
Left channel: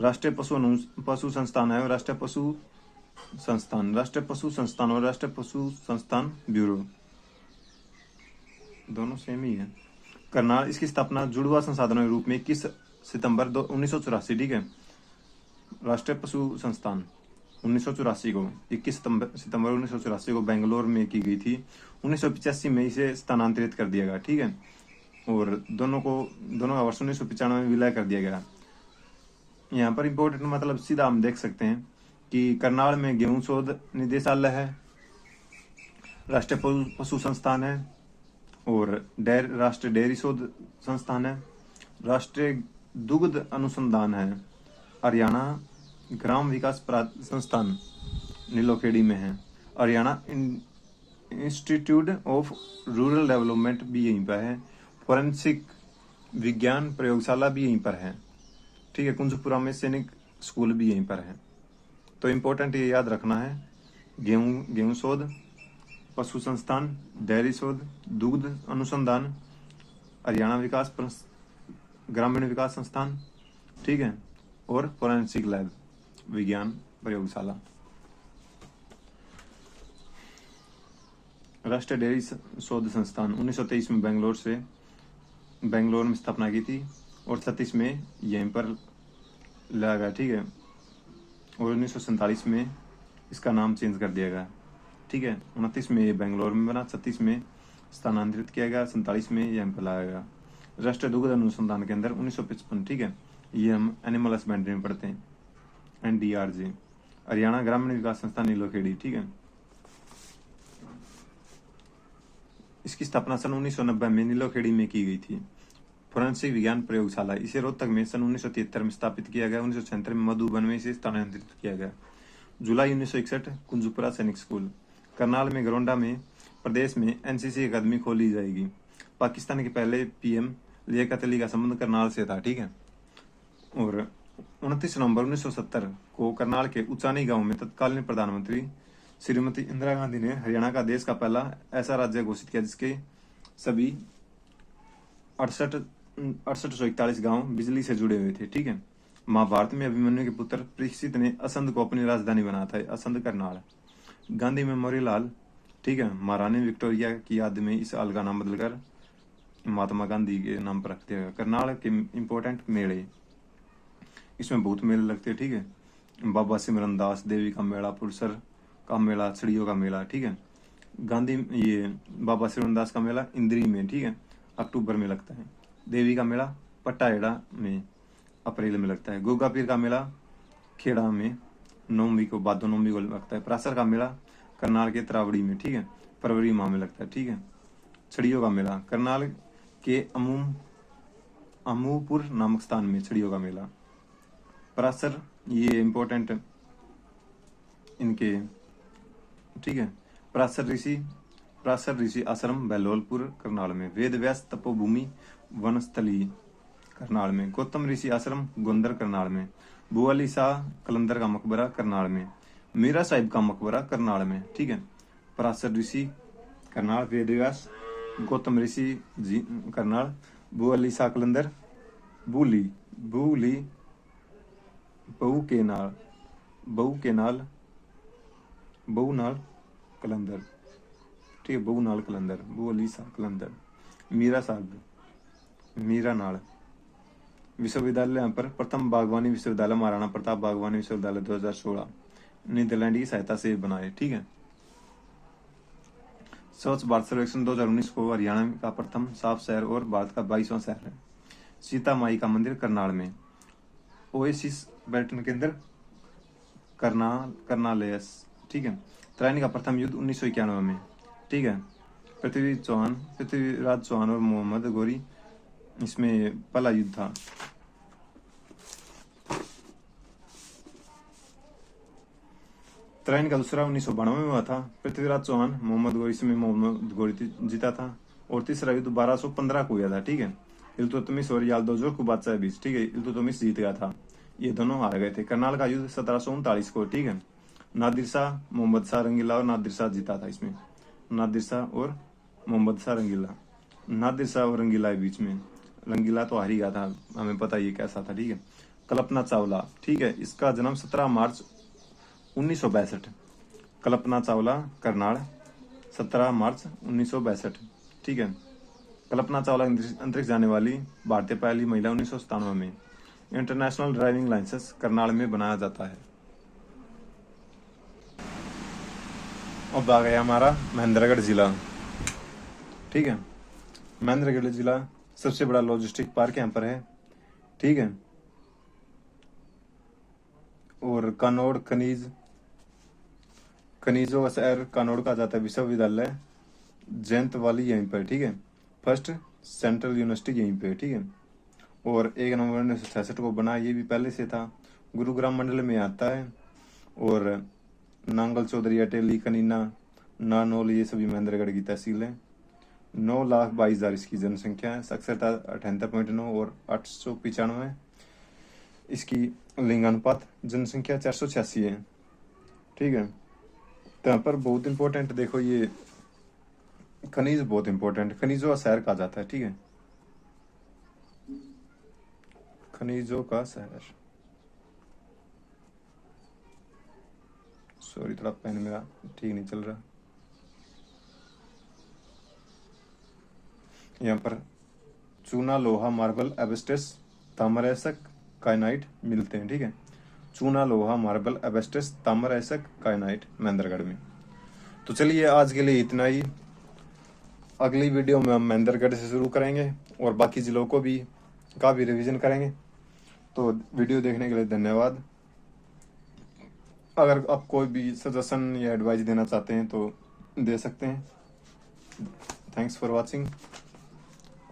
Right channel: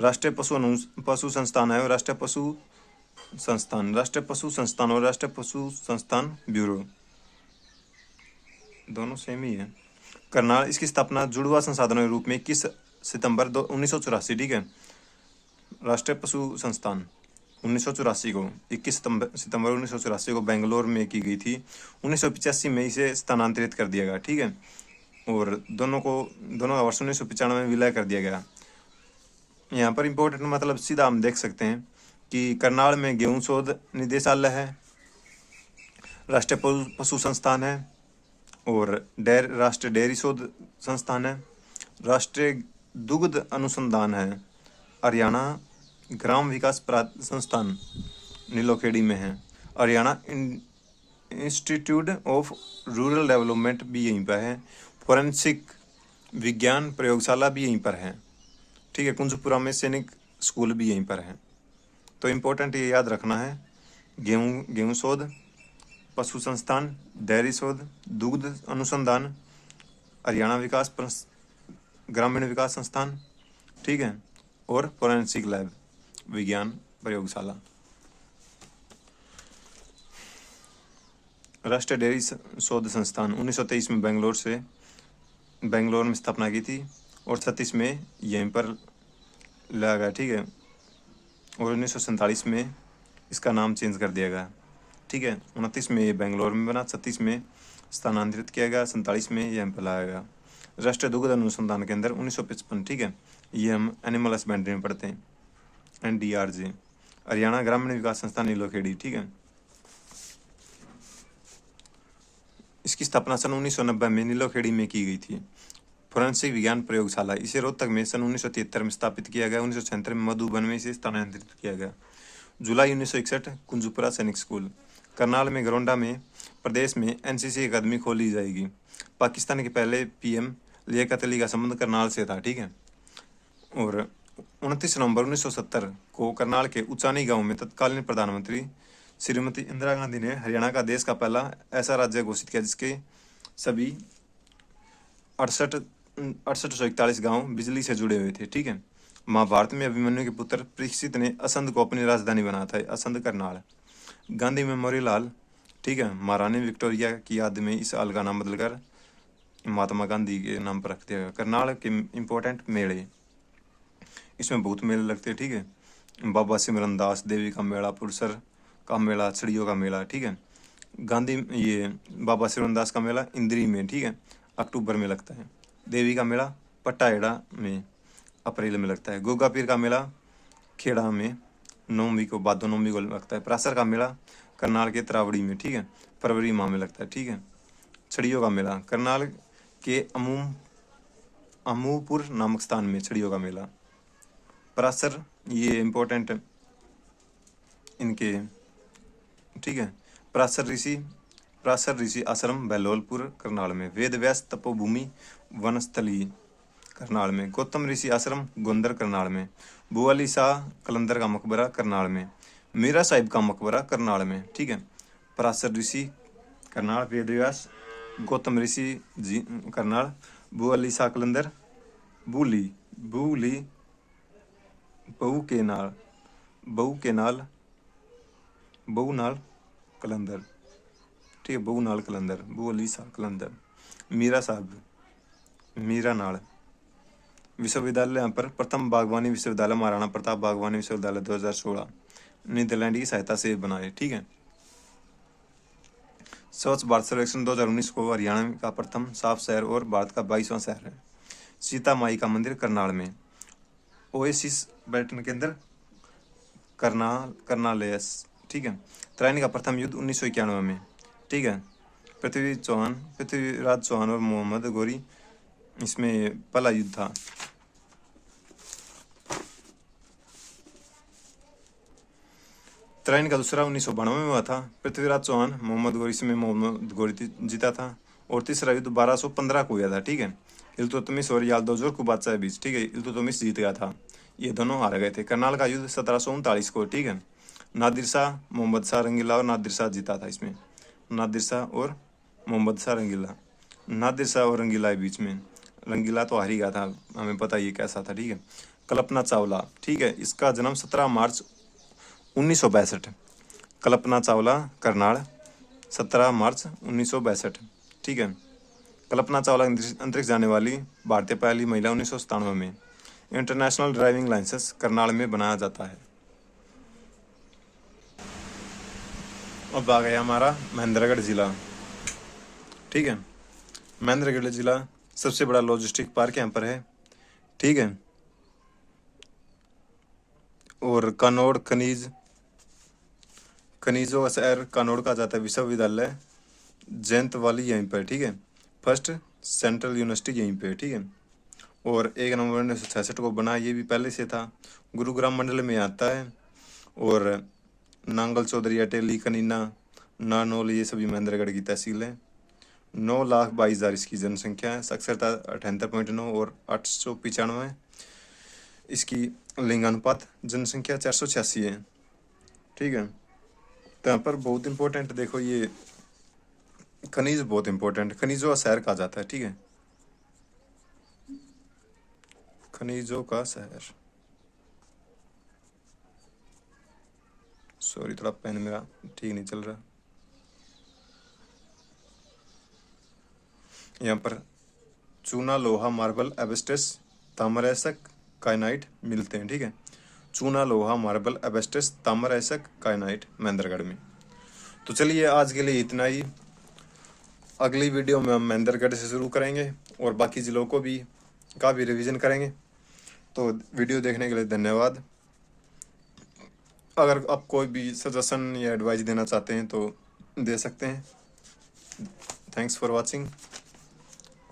राष्ट्रीय पशु संस्थान है और राष्ट्रीय पशु संस्थान और राष्ट्रीय पशु संस्थान ब्यूरो दोनों सेम ही है। करनाल, इसकी स्थापना जुड़वा संसाधनों के रूप में 21 सितंबर 1984, ठीक है। राष्ट्रीय पशु संस्थान 1984 को 21 सितंबर 1984 को बेंगलोर में की गई थी। 1985 में इसे स्थानांतरित कर दिया गया, ठीक है। और दोनों का वर्ष 1995 में विलय कर दिया गया। यहाँ पर इम्पोर्टेंट मतलब सीधा हम देख सकते हैं कि करनाल में गेहूं शोध निदेशालय है, राष्ट्रीय पशु संस्थान है और राष्ट्रीय डेयरी शोध संस्थान है, राष्ट्रीय दुग्ध अनुसंधान है, हरियाणा ग्राम विकास संस्थान नीलोखेड़ी में है, Haryana institute of rural development भी यहीं पर है, फोरेंसिक विज्ञान प्रयोगशाला भी यहीं पर है, ठीक है। कुंजपुरा में सैनिक स्कूल भी यहीं पर है। तो इम्पोर्टेंट ये याद रखना है, गेहूं शोध, पशु संस्थान, डेयरी शोध, दुग्ध अनुसंधान, हरियाणा ग्रामीण विकास संस्थान, ठीक है, और फोरेंसिक लैब विज्ञान प्रयोगशाला। राष्ट्रीय डेयरी शोध संस्थान 1923 में बेंगलोर में स्थापना की थी और 36 में यहीं पर लाया गया, ठीक है। और 1947 में इसका नाम चेंज कर दिया गया, ठीक है। 29 में ये बेंगलोर में बना, 36 में स्थानांतरित किया गया, 47 में यहाँ पर लाया गया। राष्ट्रीय दुग्ध अनुसंधान केंद्र 1955, ठीक है। ये हम एनिमल हस्बेंड्री में पढ़ते हैं, NDRJ। हरियाणा ग्रामीण विकास संस्थान नीलोखेड़ी, ठीक है। इसकी स्थापना सन 1990 में नीलोखेड़ी में की गई थी। फोरेंसिक विज्ञान प्रयोगशाला इसे रोहतक में सन 1973 में स्थापित किया गया। 1976 में मधुबन में इसे स्थानांतरित किया गया। जुलाई 1961 कुंजपुरा सैनिक स्कूल। करनाल में गरोंडा में प्रदेश में NCC अकादमी खोली जाएगी। पाकिस्तान के पहले PM लियाकत अली का संबंध करनाल से था, ठीक है। और 29 नवंबर 1970 को करनाल के उचानी गांव में तत्कालीन प्रधानमंत्री श्रीमती इंदिरा गांधी ने हरियाणा का देश का पहला ऐसा राज्य घोषित किया जिसके सभी 6841 गांव बिजली से जुड़े हुए थे, ठीक है। महाभारत में अभिमन्यु के पुत्र परीक्षित ने असंध को अपनी राजधानी बनाया था, असंध करनाल। गांधी मेमोरियल हॉल, ठीक है, महारानी विक्टोरिया की याद में इस हॉल का नाम बदलकर महात्मा गांधी के नाम पर रख दिया गया। करनाल के इम्पोर्टेंट मेले, इसमें बहुत मेले लगते हैं, ठीक है। बाबा सिमरन दास देवी का मेला, पुरसर का मेला, छड़ियों का मेला, ठीक है। ये बाबा सिमरन दास का मेला इंद्री में, ठीक है, अक्टूबर में लगता है। देवी का मेला पट्टाएड़ा में अप्रैल में लगता है। गोगा पीर का मेला खेड़ा में भादो नौवीं को लगता है। परासर का मेला करनाल के तरावड़ी में, ठीक है, फरवरी माह में लगता है, ठीक है। छड़ियों का मेला करनाल के अमूपुर नामक स्थान में छड़ियों का मेला। परासर ये इम्पोर्टेंट इनके, ठीक है। परासर ऋषि आश्रम बहलोलपुर करनाल में। वेद व्यास तपोभूमि वनस्थली करनाल में। गौतम ऋषि आश्रम गोंदर करनाल में। बुआली शाह कलंदर का मकबरा करनाल में। मीरा साहिब का मकबरा करनाल में, ठीक है। परासर ऋषि करनाल, वेद व्यास, गौतम ऋषि जी करनाल, बुआली शाह कलंदर, बूली बहुनाल कलंदर, ठीक है, बहुनाल कलंदर, बुआली शाह कलंदर। मीरा साहब मीरा नाल विश्वविद्यालय, यहाँ पर प्रथम बागवानी विश्वविद्यालय महाराणा प्रताप बागवानी विश्वविद्यालय 2016 नीदरलैंड की सहायता से बनाए, ठीक है। स्वच्छ भारत सर्वेक्षण 2019 को हरियाणा का प्रथम साफ शहर और भारत का 22वां शहर है। सीता माई का मंदिर करनाल में। ओएसिस पर्यटन केंद्र करनालेस, ठीक है। त्रायनी का प्रथम युद्ध 1991 में, ठीक है। पृथ्वीराज चौहान और मोहम्मद गौरी, इसमें पहला युद्ध था। तरह इनका दूसरा 1992 में हुआ था। पृथ्वीराज चौहान मोहम्मद गौरी से मोहम्मद गौरी जीता था। और तीसरा युद्ध 1215 को हुआ था, ठीक है, इल्तुतमिश और यादवजोर को बादशाह के बीच, ठीक है, इल्तुतमिश जीत गया था, ये दोनों हार गए थे। करनाल का युद्ध 1739 को, ठीक है, नादिर शाह मोहम्मद शाह रंगीला और नादिर शाह जीता था इसमें, नादिर शाह और मोहम्मद शाह रंगीला, नादिर शाह और रंगीला के बीच में। रंगीला तो हार ही गया था, हमें पता ये कैसा था, ठीक है। कल्पना चावला, ठीक है, इसका जन्म 17 मार्च 1962। कल्पना चावला करनाल 17 मार्च 1962, ठीक है। कल्पना चावला अंतरिक्ष जाने वाली भारतीय पहली महिला 1997 में। इंटरनेशनल ड्राइविंग लाइसेंस करनाल में बनाया जाता है। अब आ गया हमारा महेंद्रगढ़ जिला, ठीक है। महेंद्रगढ़ जिला सबसे बड़ा लॉजिस्टिक पार्क यहाँ पर है, ठीक है। और कनौड़ खनिजों का शहर कनौड़ का जाता है। विश्वविद्यालय जयंत वाली यहीं पर, ठीक है। फर्स्ट सेंट्रल यूनिवर्सिटी यहीं पे, ठीक है। और 1 नवंबर 1966 को बना, ये भी पहले से था। गुरुग्राम मंडल में आता है। और नांगल चौधरी अटेली कनीना नानोल ये सभी महेंद्रगढ़ की तहसील है। 9,22,000 इसकी जनसंख्या है। साक्षरता 78.9 और 895। इसकी लिंगानुपात जनसंख्या 486 है, ठीक है। तो यहाँ पर बहुत इंपॉर्टेंट देखो, ये खनिज बहुत इंपॉर्टेंट, खनिजों का शहर कहा जाता है, ठीक है, खनिजों का शहर। सॉरी, थोड़ा पेन मेरा ठीक नहीं चल रहा। यहाँ पर चूना लोहा मार्बल एबेस्टस ताम्रएसक काइनाइट मिलते हैं, ठीक है। चूना लोहा मार्बल एबेस्टस ताम्रएसक काइनाइट महेंद्रगढ़ में। तो चलिए आज के लिए इतना ही। अगली वीडियो में हम महेंद्रगढ़ से शुरू करेंगे और बाकी जिलों को भी का भी रिवीजन करेंगे। तो वीडियो देखने के लिए धन्यवाद। अगर आप कोई भी सजेशन या एडवाइस देना चाहते हैं तो दे सकते हैं। Thanks for watching.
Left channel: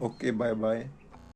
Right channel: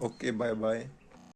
Okay, bye bye.